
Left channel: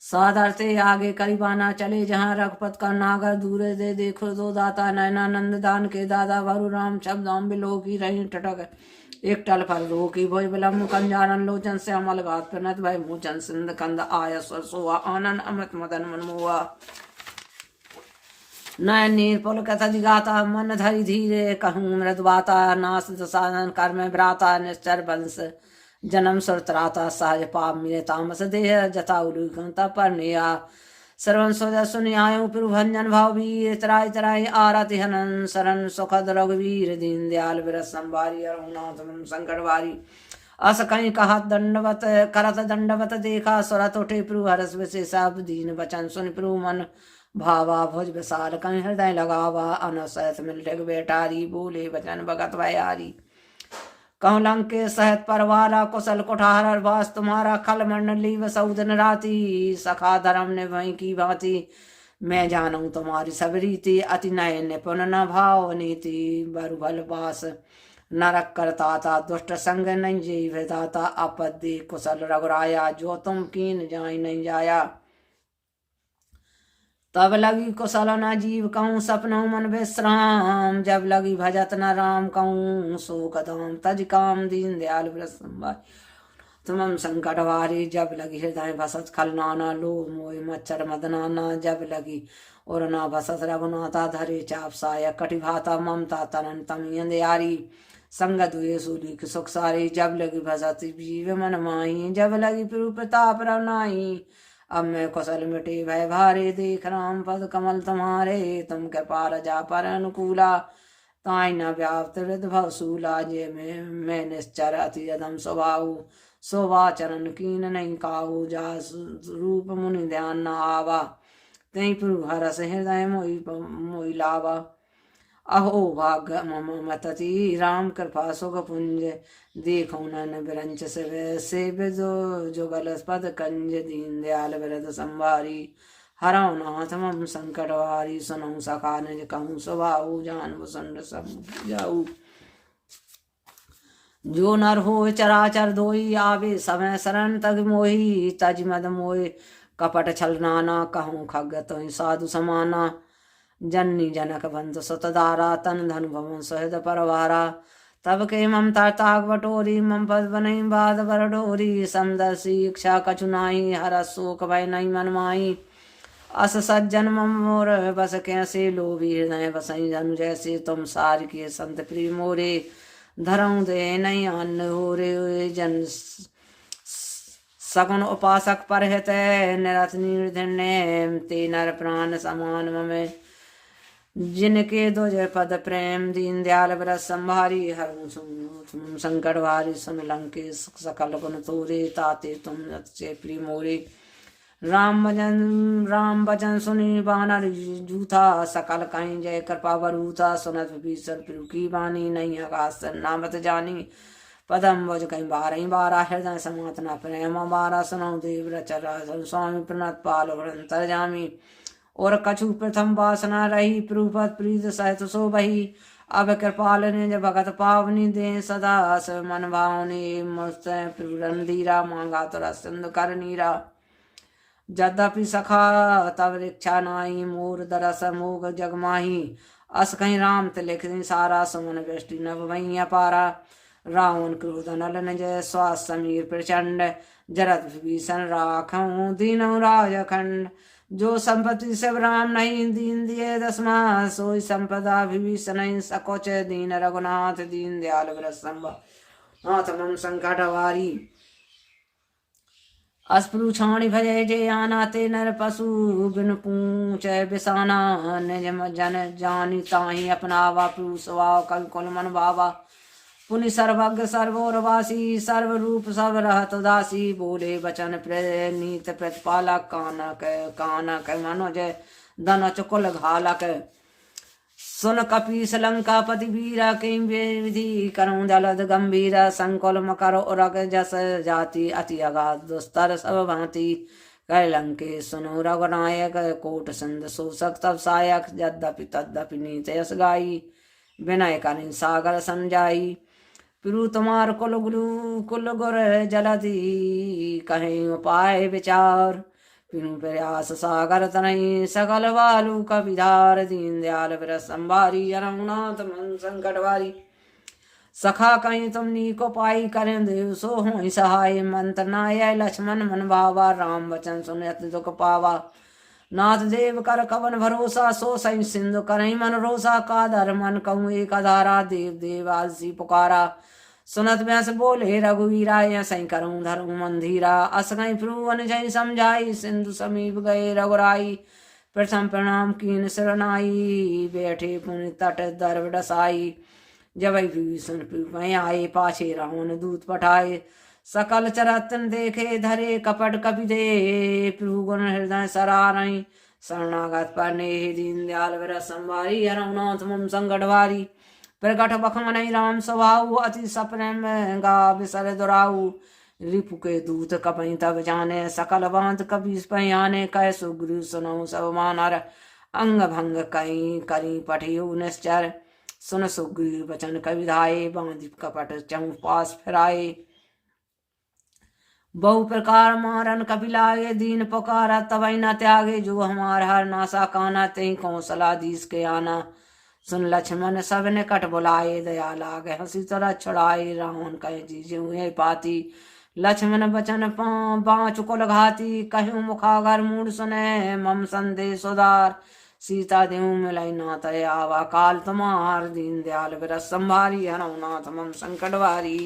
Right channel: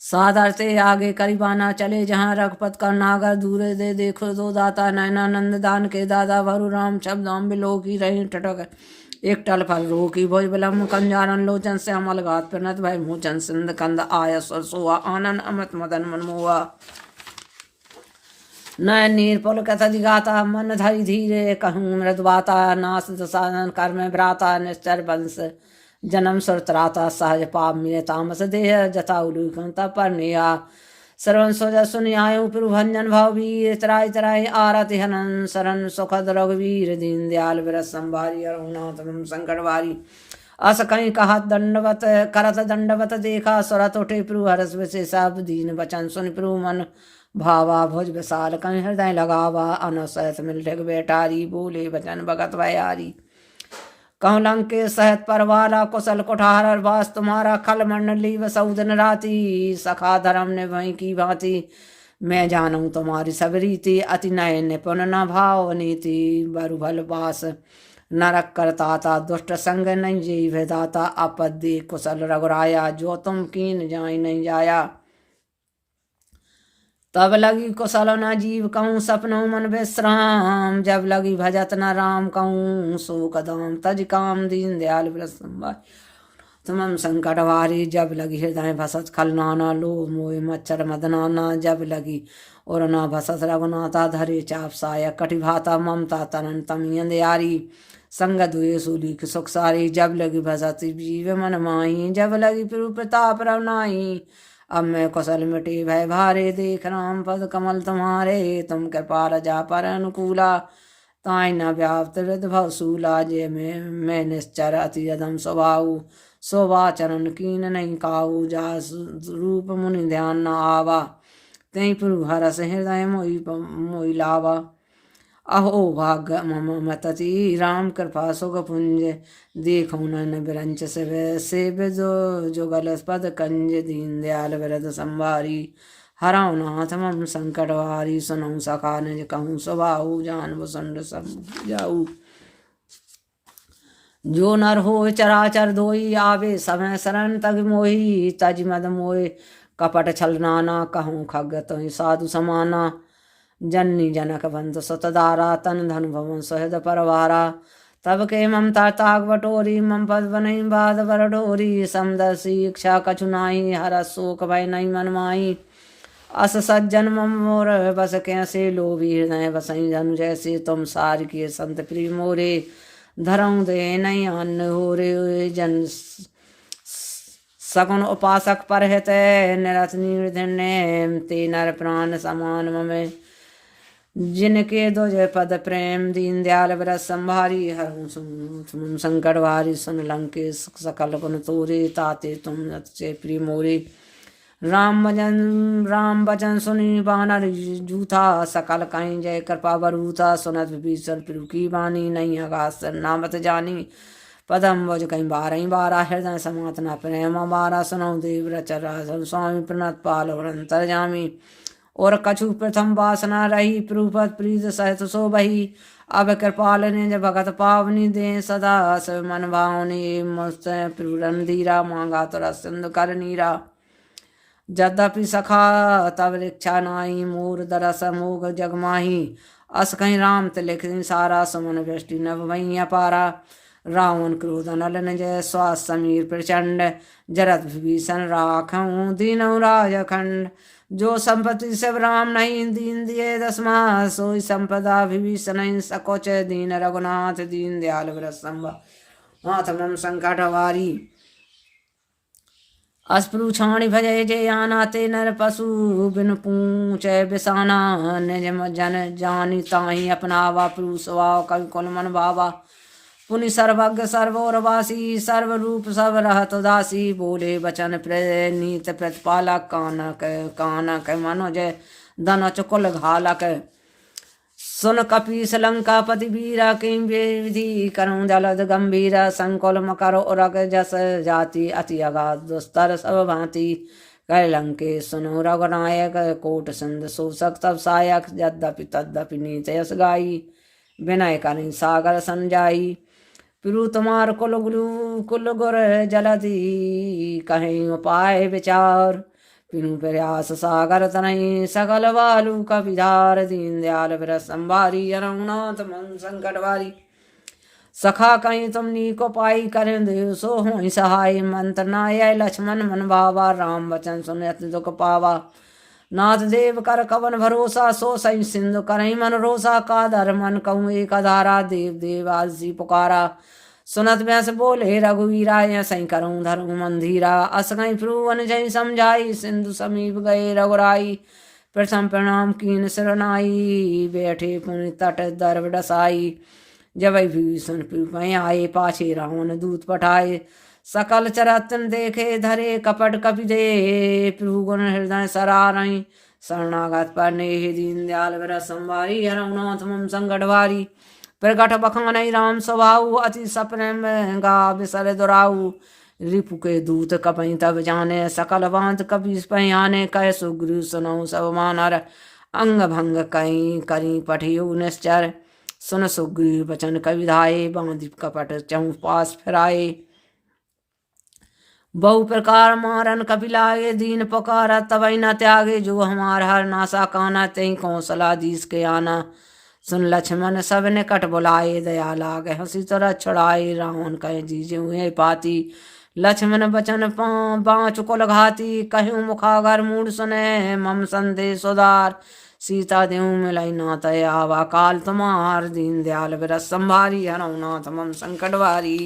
सादरते आगे करीबाना चले जहाँ रघुपत का नागर दूर दे देखो दो दाता नयनानंद दान के दादा भरु राम शब्दाम बिलो की रही टटक एक टल फल रो की भोज बिलम कंजारन लोचन से अमल घात प्रनत भय मोचन सिंध कंद आय सोआ आनंद अमृत मदन मनमोआ नयन नीर पुल कथि गाता मन धरि धीरे कहूँ मृदवाता नास साधन कर्म भ्राता निश्चर वंश जन्म सुरत्राता सहज पाप में तामस देह जता उलूकता पर निया सर्वन सोजा सुनियाय प्रभंजन भाव वीर तराय तराय आरति हनन शरण सुखद रघुवीर दीन दयाल विरस संभारी रघुनाथ संकट वारी अस कहीं कहा दंडवत करत दंडवत देखा सुरत उठे प्रभु हरस विशेषा दीन वचन सुन प्रभु मन भावा भुज विशाल कहीं हृदय लगावा अनसहत मिल बेटारी बोले वचन भगत भयारी कहूँ लंके सहित परवाला कुशल कुठार वास तुम्हारा खल मंडली वसऊ दिन राति सखा धर्म ने वहीं की भांति मैं जानूं तुम्हारी सब रीति अति नय निपुण न भाव नीति बरु भल बास नरक करता दुष्ट संग नहीं जी भेदाता आपद्दी कुशल रघुराया जो तुम कीन जाय नहीं जाया तब लगी कुशल न जीव कहूँ सपनों मन विश्राम जब लगी भजत न राम कहूँ सो कदम तज काम दीन दयाल तुम संकट वारी जब लगी हृदय भसत खल नाना लो मोय मच्छर मदनाना जब लगी और न भसत रघुनाथा धरे चाप साया कटिभाता ममता तनन तमियन दयारी संग दुए सूली सुख सारी जब लगी भसत जीव मन माही जब लगी प्रभु प्रताप रवनाई अब मैं कुशल मिटे भय भारे देख राम पद कमल तुम्हारे तुम कृपाल जा पर अनुकूला ताई न व्याप्त हृद भवसूला जे मैं निश्चर अति अधम स्वभाव शोभा चरण कीन नहीं काऊ जा रूप मुनि ध्यान न आवा तई प्रभु हरस हृदय मोई लावा अहो भाग्य मम मतति राम कृपा सुख पुंज देखो नन बिरंच सेव जुगल पद कंज दीन दयाल विरद संभारी हराओ नाथ मम संकट वारी सुनऊ सखा निज कहूँ स्वभाव जान वसंड सब जाऊ जो नर हो चराचर धोई आवे समय शरण तग मोही तज मद मोहि कपट छल नाना कहूँ खग तो साधु समाना जननी जनक बंध सुतदारा तन धन भवन सहद परवारा तब के ममता ताग बटोरी मम पद बनई बाद बर डोरी समदर्शी इच्छा कछुनाई हर शोक भय नहीं मन माई अस सज्जन मम मोर बस कैसे लोभी हृदय बसई धनु जैसे तुम सार किए संत प्रिय मोरे धरऊँ दे नहीं अन्न हो रे जन सगुण उपासक पर हित निरत निर्धन्य ते नर प्राण समान ममे जिनके दो जय पद प्रेम दीन दयाल व्रत संभारी हर संकट वारी सुन लंके सकल गुण तोरे ताते तुम से प्रिय मोरे राम भजन सुनी बानर जूथा सकल कहीं जय कृपा बरूथा सुनत विभीषण प्रभु की बानी नहीं आकाश नामत जानी पदम भज कहीं बारह बारह हृदय समात न प्रेम बारह सुनो देव रचरा स्वामी प्रणत पाल और अंतर जामी और कछु प्रथम वासना रही प्रूपत प्रीत सहित सो बही अब कृपाल ने जब भगत पावनी दे सदा शिव मन भावनी मुस्त रणधीरा मांगा तोरा सिंधु कर नीरा यद्यपि सखा तब रिक्षा नाई मोर दरस मोग जगमाही अस कहीं राम तिलिख सारा सुमन वृष्टि नभ भैया पारा रावण क्रोध नल जय स्वास समीर प्रचंड जरत विभीषण राखऊं दीनऊ राजखंड जो संपत्ति सब राम नहीं दीन दिए दसमा सोई संपदा विभीषण सकोच दीन रघुनाथ दीन दयाल व्रत संभव मम संकट वारी अस्पृ छाणी भजय जय आना ते नर पशु बिन पूछ बिसाना निज जन जानी ताही अपनावा प्रभु स्वभाव कवि कुल मन भावा पुनि सर्वज्ञ सर्वोरवासी सर्वरूप सब रहत उदासी बोले वचन प्रणीत प्रतिपालक कानक मनोज धन चुकुल घालक सुन कपीस लंका पति वीरा किं विधि करऊं जलद गंभीर संकुल मकर उरग जस जाति अति अगाध दुस्तर सब भांति कह लंके सुनो रघुनायक कोट सिंध शोषक तब सायक यद्यपि तद्यपि नीत यस गाई विनय करें सागर संजाई प्रभु तुम्हार कुल गुरु कुल गुर जलधि कहीं उपाय विचार पिनु प्रयास सागर तनहि सकल बालू कपिधार दीन दयाल व्रत संभारी अरहुनाथ मन संकट वारी सखा कहीं तुमनी को पाई करें देव सो हो सहाय मंत्र नाय लक्ष्मण मन भावा राम वचन सुन अति दुख पावा नाथ देव कर कवन भरोसा सो सही सिंधु करही मन रोसा का धर मन कहूँ एक अधारा देव देव आसी पुकारा सुनत व्यास बोले रघुवीरा सही करूँ धरू मंधीरा अस गई प्रुवन जय समझाई सिंधु समीप गए रघुराई प्रथम प्रणाम कीन शरणाई बैठे पुण्य तट दर्व डसाई जब भीषण पै आए पाछे रावण दूत पठाए सकल चरतन देखे धरे कपट कपि दे प्रभुगुण हृदय सरारई शरणागत पर ने दीन दयाल व्रत संवारी हरनाथ मम संकट वारी प्रगट बखान राम स्वभाव अति सप्रेम गा बिसर दुराऊ रिपु के दूत कपई तब जाने सकल बांध कपि पयाने कै सुग्रीव सुनो सब मानर अंग भंग कई करी पठियो निश्चर सुन सुग्रीव वचन कविधाये बांध कपट चहु पास फिराए बहु प्रकार मारन कपिलाए दीन पुकारा तवै न त्यागे जो हमार हर नासा काना तई कौशला दीस के आना सुन लक्ष्मण सब निकट बुलाए दया लागे हंसी तरह छुड़ाए रावण कहे जीजे हुए पाती लक्ष्मण बचन बाँच कुल घाती कहूँ मुखागर मूड सुने मम संदेश उदार सीता देव मिलाई नाथ आवा काल तुम्हार दीन दयाल व्रत संभारी हरनाथ मम संकटवारी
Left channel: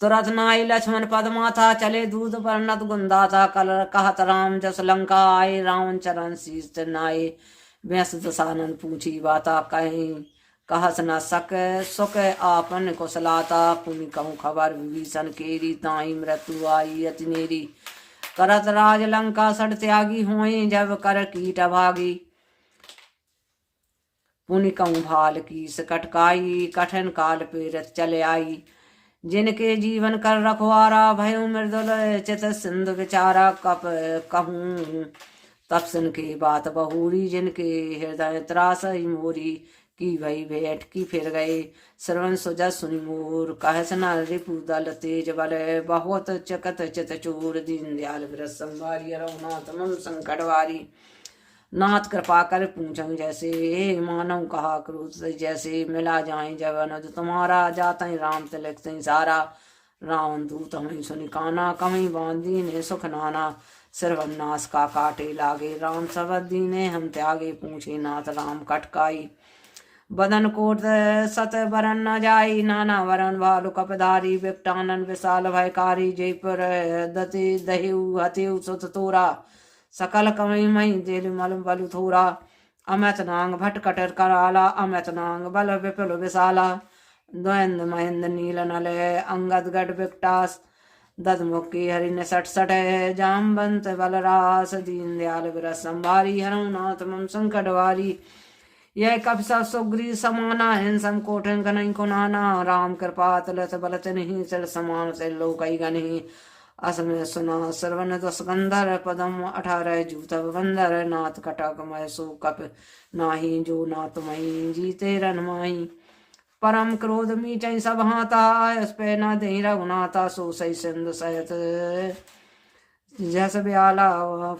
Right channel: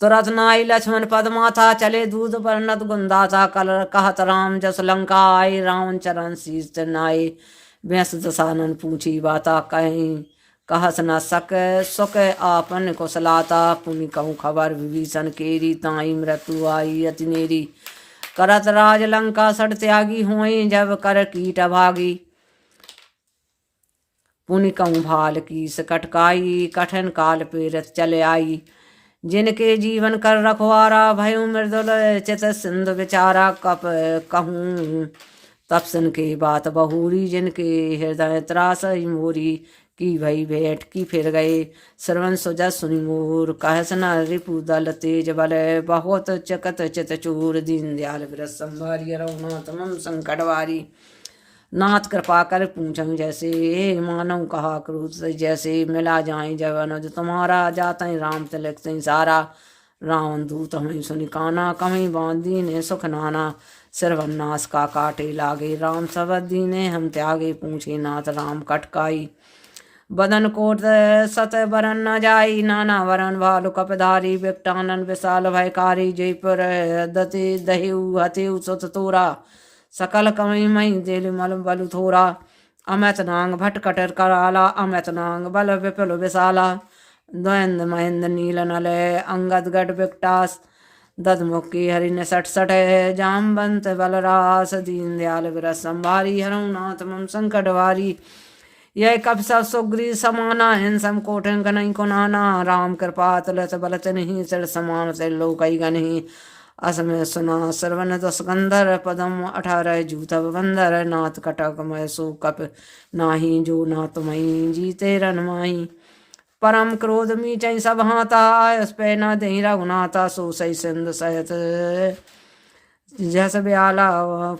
तुरत नाई लक्ष्मण पद माथा चले दूध पर नत गुंदा था कल कहत राम जस लंका आए रावण चरण शीस नाये व्यस दसानन पूछी बाता कहीं कहस न सक सुख आपन कुशलाता पुनि कहूँ खबर विभीषण केरी ताई मृत्यु आई अति नेरी करत राज लंका सड़ त्यागी हुए जब कर कीट भागी पुनि कहूँ भाल की सकटकाई कठिन काल पेरत चले आई जिनके जीवन कर रखवारा भयो मृदुल चित सिंधु विचारा कप कहूँ तब सुन के बात बहुरी जिनके हृदय त्रास मोरी की भई भेंट की फिर गए श्रवण सुजा सुनि मोर कहस न रिपु दल तेज बल बहुत चकत चित चूर दीन दयाल व्रत संभारी रघुनाथ मम संकट वारी नाथ कृपा कर पूछं जैसे मानव कहा क्रोध से जैसे मिला जाए जब अनुज तुम्हारा जाते राम तिलक सिंह सारा रावण दूत हमें सुनि काना कहीं बांधी ने सुख नाना सर्वनाश का काटे लागे राम सबदी ने हम त्यागे पूछे नाथ राम कटकाई बदन कोट सत बरन न जाई नाना वरण भालु कपधारी विकटानन विशाल भयकारी जयपुर दते दहेउ हतेउ सुत तोरा सकल कमई मई दिल मल बलु थोरा अमित नांग भट कटर कराला अमित नांग बल विपुल विशाला द्वंद महेंद्र नील नल अंगद गढ़ विकटास दधमुखी हरि ने सठ सठ जामबंत बलरास दीन दयाल व्रत संभारी हरनाथ मम संकट वारी यह कब सब सुग्री समाना हिंसम कोठन गनई को नाना राम कृपा तुलस बलचन ही सर समान से लोकई गन ही असमय सुना सर्वन दस गंधर पदम 18 जूतब बंदर नाथ कटक मय सो कप नाही जो नाथ मई जीते रन माही परम क्रोध मीचई सब हाथा आयस पे न दही रघुनाथा सो सही सिंध सहित जस ब्याला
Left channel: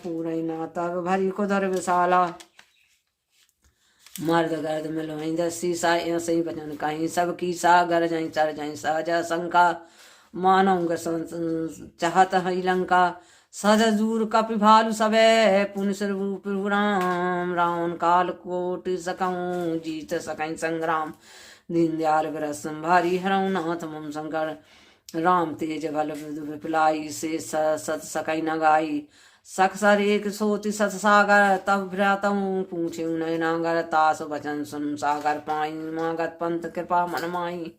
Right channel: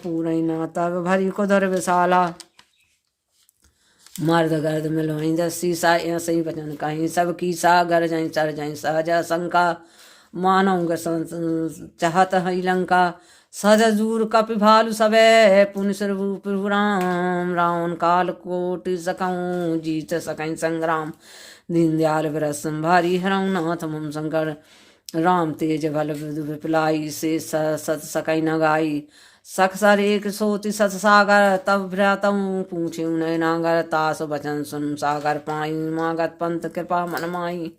पूरे न तब भरी कुधर विशाला मर्द गर्द मिलवाई दसी सा सही बचन कहीं सब की सा गर जाई चर जाई सहजा शंका मानव चाहत हई लंका सजूर कपि भालु सबे पुन स्वरूप राम रावण काल कोटि सकऊँ जीत सकई संग्राम दीन दयाल व्रत संभारी हरनाथ मम शंकर राम तेज बल विपलाई से सत सकई न गाई सखसर एक सोति सत सागर तब भ्रातऊ पूछे उन्हें नागर तास बचन सुन सागर पाई मागत पंत कृपा मन माई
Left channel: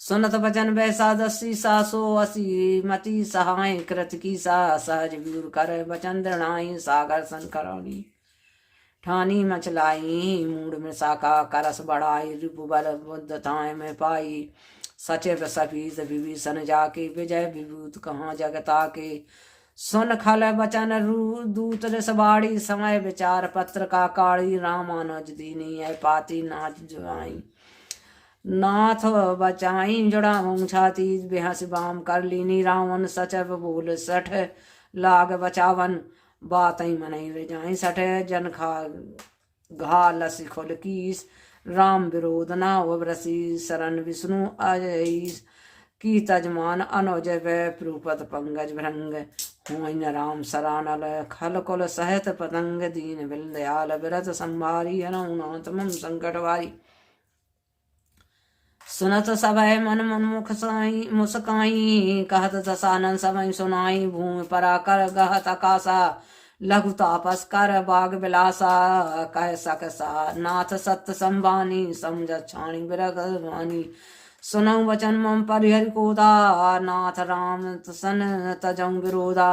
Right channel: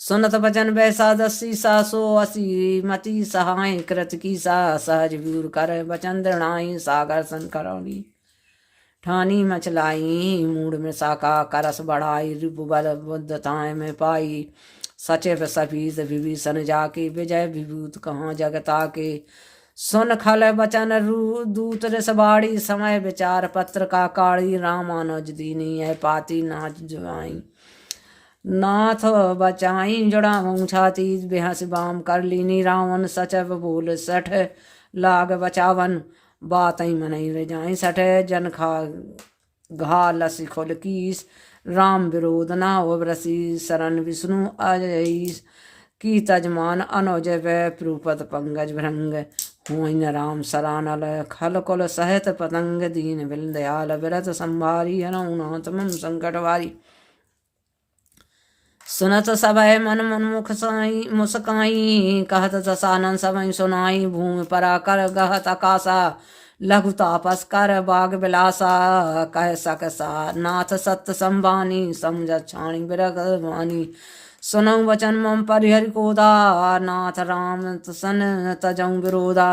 सुनत बचन वैसा दसी सा सो असी मति सहाय कृत की सा सहज व्यूर कर बचन दृणाई सागर सन करौड़ी ठानी मचलाई मूड में साका करस बढ़ाई रिपु बल बुद्धताएं में पाई सचिव सफीज विभीषण जाके विजय विभूत कहाँ जगता के सुन खल बचन दूत रसबाड़ी समय विचार पत्र का काड़ी रामानुज दीनी है पाती नाच जुआई नाथ बचाई जुड़ा छाती बेहस बाम कर लीनी रावण सचव बोल सठ लाग बचावन बातई मनई रे जाए सठे जन खा घा लसी खोल कीस राम विरोध ना वरसी शरण विष्णु अजईस की तजमान अनोज प्रूपत पंगज भृंग हुइन राम सरानल खल कुल सहत पतंग दीन बिल दयाल विरत संभारी हनौनाथ मम संकटवारी सुनत सभय मन मुनमुख साई मुस्काई कहत दसानन समय सुनाई भूमि पराकर गहत आकाशा लघु तापस कर बाग बिलासा कह सकसा नाथ सत्य संबानी समझ छाणी बिरग वाणी सुनऊ वचन मम परिहरि कोदा नाथ राम सन तजऊ विरोधा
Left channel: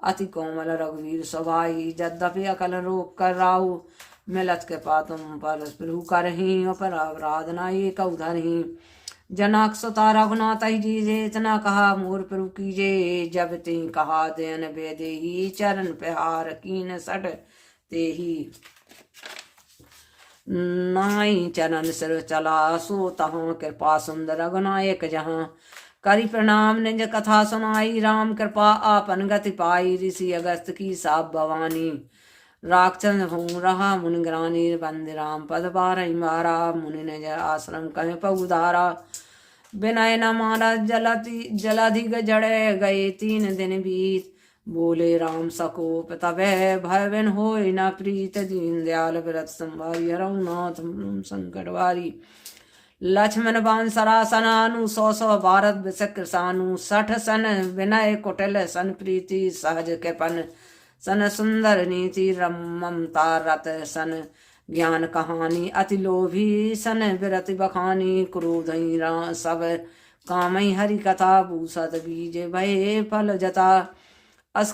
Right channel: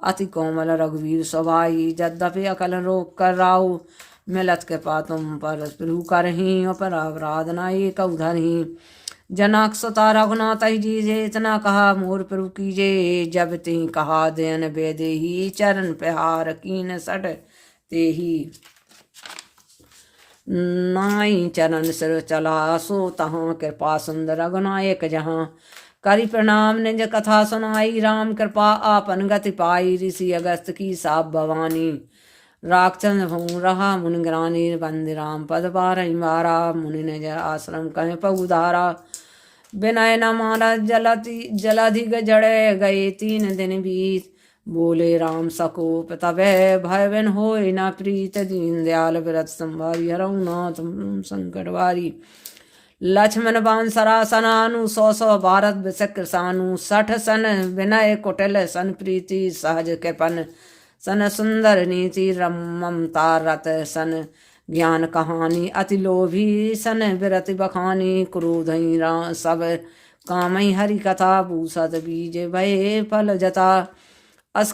अति कोमल रघुवीर स्वभाई यद्यपि अकल रोक कर राहु मिलत के पातुम पर प्रभु करही पर अपराध न एक उधरही जनक सुता रघुनाथ जीजे इतना कहा मोर प्रभु कीजे जब ते कहा देन बेदेही चरण प्रहार कीन सट तेही नाई चरण सिर चला सो तहाँ कृपा सुंदर रघुनायक जहाँ करी प्रणाम निज कथा सुनाई राम कृपा आपन गति पाई ऋषि अगस्त की साप भवानी राक्षस हूँ रहा मुनिग्रानी बंदि राम पद पारई मारा मुनि निज आश्रम कह पउधारा विनय न मारा जलाधिक जड़े गए 3 दिन बीत बोले राम सकोप तबे भय बिन होय न प्रीत दीन दयाल विरत संभारी हरौनाथ संकटवारी लक्ष्मण बान सरासनानु 100 भारत विचक्र सानु 60 सन विनय कुटिल सन प्रीति सहज कृपन सन सुंदर नीति ममता रत सन ज्ञान कहानी अति लोभी सन विरति बखानी क्रोध सब कामई हरि कथा भूसत बीज भय फल जता अस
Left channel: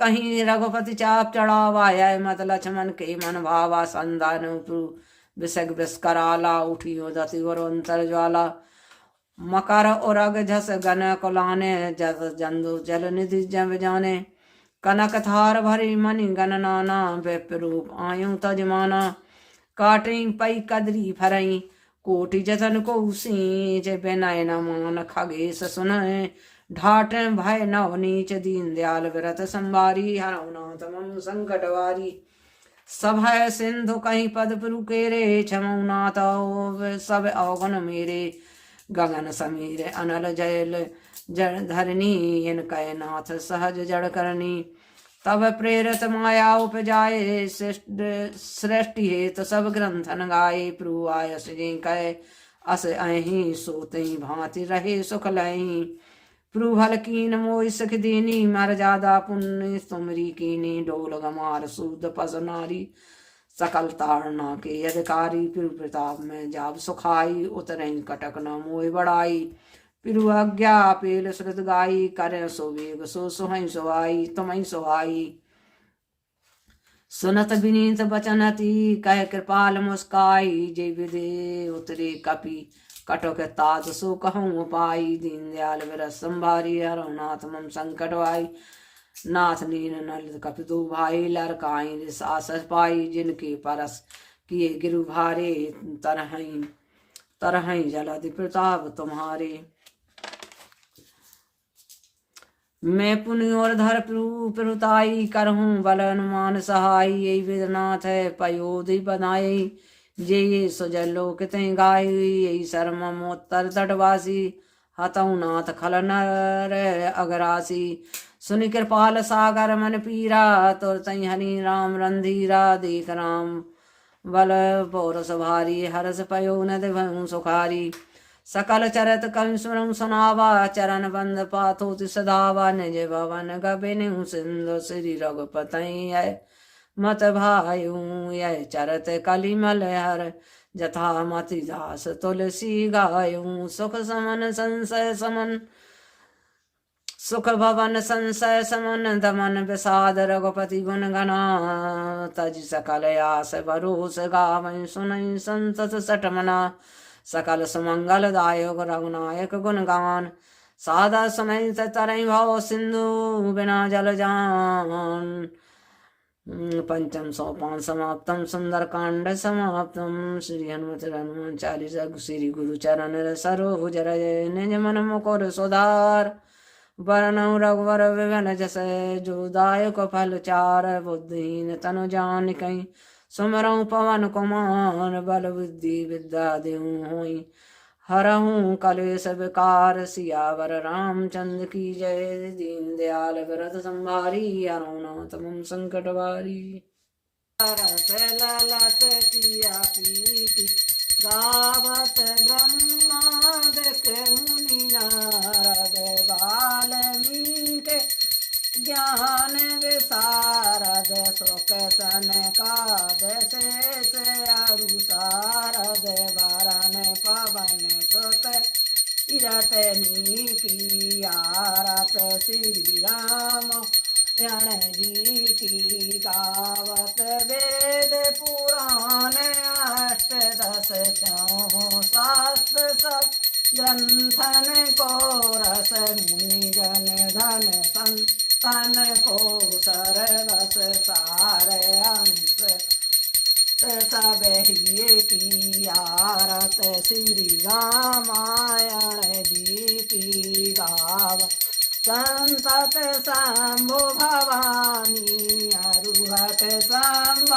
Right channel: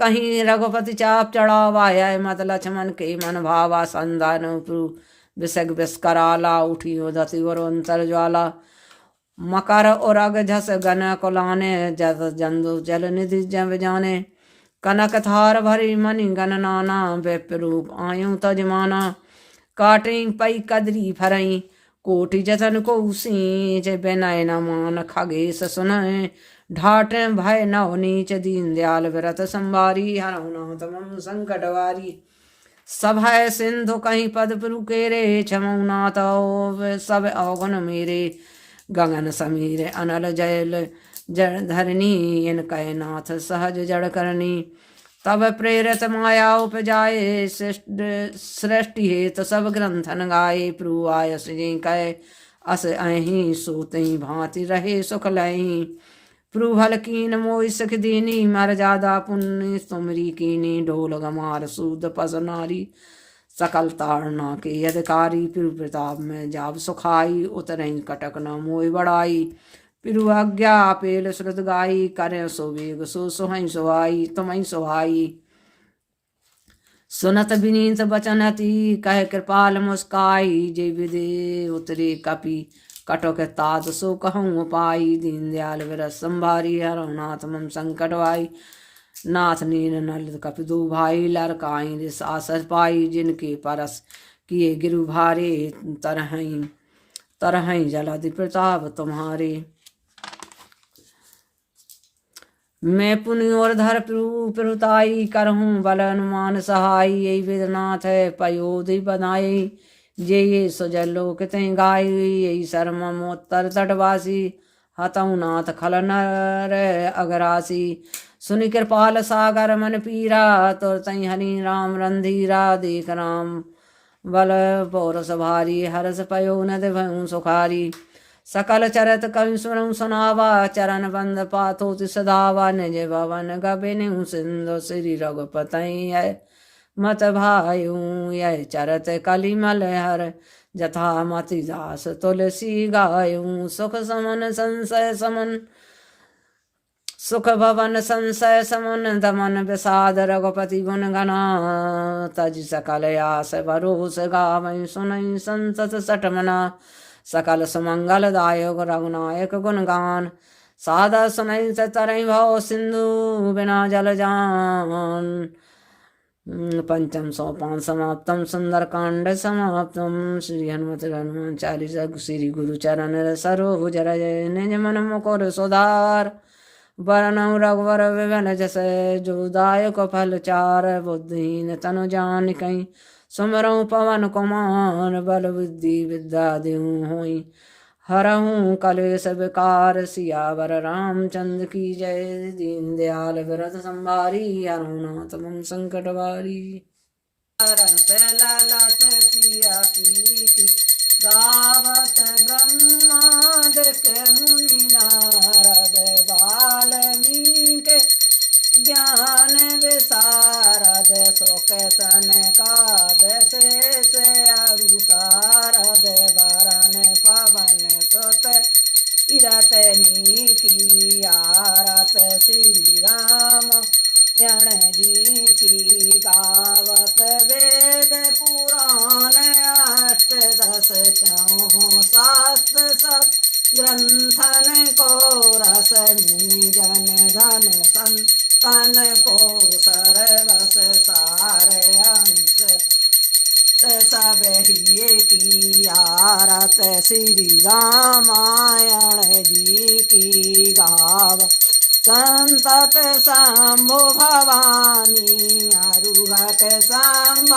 कहीं रघुपति चाप चढ़ावाय मत लक्ष्मण के मन भावा संधान विसग विस्कराला उठियो दति अंतर ज्वाला मकर और अग झस गन कुलाने जस जंदु जल निधि जब जाने कनक थार भरी मणि गन नाना विप्रूप आयु तजमाना काटे पई कदरी फरई कोटि जतन को सींच बिनय न मान खगेश सुनय ढाट भय नव नीच दीन दयाल विरत संभारी हरौनाथ मम संकटवारी सभय सिंधु कहीं पद पुरुकेरे क्षमौनाथ सब अवगुण मेरे गगन समीर अनल जयल जड़ धरनी इन कय नाथ सहज जड़ करनी तब प्रेरित माया उपजाए सृष्टि हेत सब ग्रंथन गाये प्रभु आयस जे कय अस अहि सोते भांति रहे सुख लही प्रभल कीन मोय सख दीनी मर जादा पुण्य तुमरी कीनी ढोल गमार सूद पस नारी सकल ताड़ना के अधिकारी प्रभु प्रताप में जाब सुखाई उतरई कटक न मोय बढ़ाई पिरु आज्ञा पेल श्रुत गाई करे सो वेग सो सुहई सुहाई तुमई सुहाई सुनत विनीत बचन अति कह कृपाल मुस्काई जय विदे उतरे कपि कटोक तात सो कहूँ पाई दीन दयाल विरत संभारी हरौनाथ मम संकटवाई नाथ नीन नल कपि दो भाई लड़काई रिस आसस पाई जिनके परस किए गिरु भारे तरहई जलादि प्रताप तुम्हारे मैं पुण्य और धर प्रभुताई करहूँ बल अनुमान सहाय यही वेदनाथ है पयोधि बनाए ये सुजल लोक ते गाय यही शर्मोत्तर तटवासी हतऊ नाथ खल नर अगरासी सुनि कृपाल सागर मन पीरा तुर तई हरि राम रंधीरा देख राम बल पौरस भारी हरस पयो नद भयु सुखारी सकल चरत कवि सुरंग सुनावा चरण बंद पाथो सदावा निज भवन गबिनु सिंधु श्री रघुपतई है मत भायु यह चरत कलिमल हर जथा मति दास तुलसी गायु सुख समन संशय समन सुख भवन संशय समन दमन विषाद रघुपति गुण गना तज सकल आस भरोस गावै सुनई संसत सटमना सकल सुमंगल दायक रघुनायक गुणगान सादा सुनई तरई भाव सिंधु बिना जल जान पंचम सोपान समाप्तम सुंदर कांड समाप्तम श्री हनुमान चालीसा श्री गुरु चरण सरोज रज निज मन मुकुर सुधार वरनौ रघुवर विघन जस जो दायक फल चार। बुद्धिहीन तनु जानिकै सुमिरौ पवन कुमार। बल बुद्धि विद्या देहु होई हरहूँ कलेश विकार। सियावर रामचंद्र की जय। दीन दयाल व्रत संभारी हरहु नाथ मम संकट वारी। लालच किया कीर्ति गावत ब्रह्मांड के मुनि नारद। वाल्मीकि ज्ञान विशारद। शोक सनकाद शेष अरु सारद। वरन पवन सुत इरत नीकी आरत। श्री राम यण जी की गावत वेद पुराण अष्ट दश चौं शास्त्र सब ग्रंथन को रस। मुनि जन धन संतन को सरवस सार। अंश सब ही की आरत। श्री रामायण जी की गाव। संतत शंभु भवानी अरुहत शंभ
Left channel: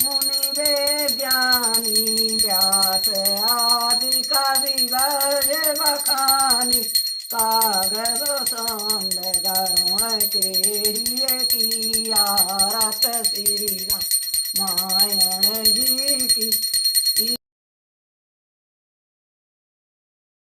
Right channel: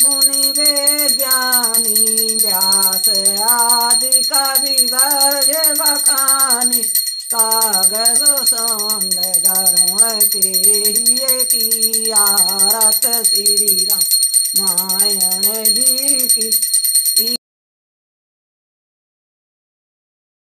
मुनि विज्ञानी। व्यास आदि कवि वर्ज बखानी। कागज सौंद गरुण के की आरत। श्री रामायण जी की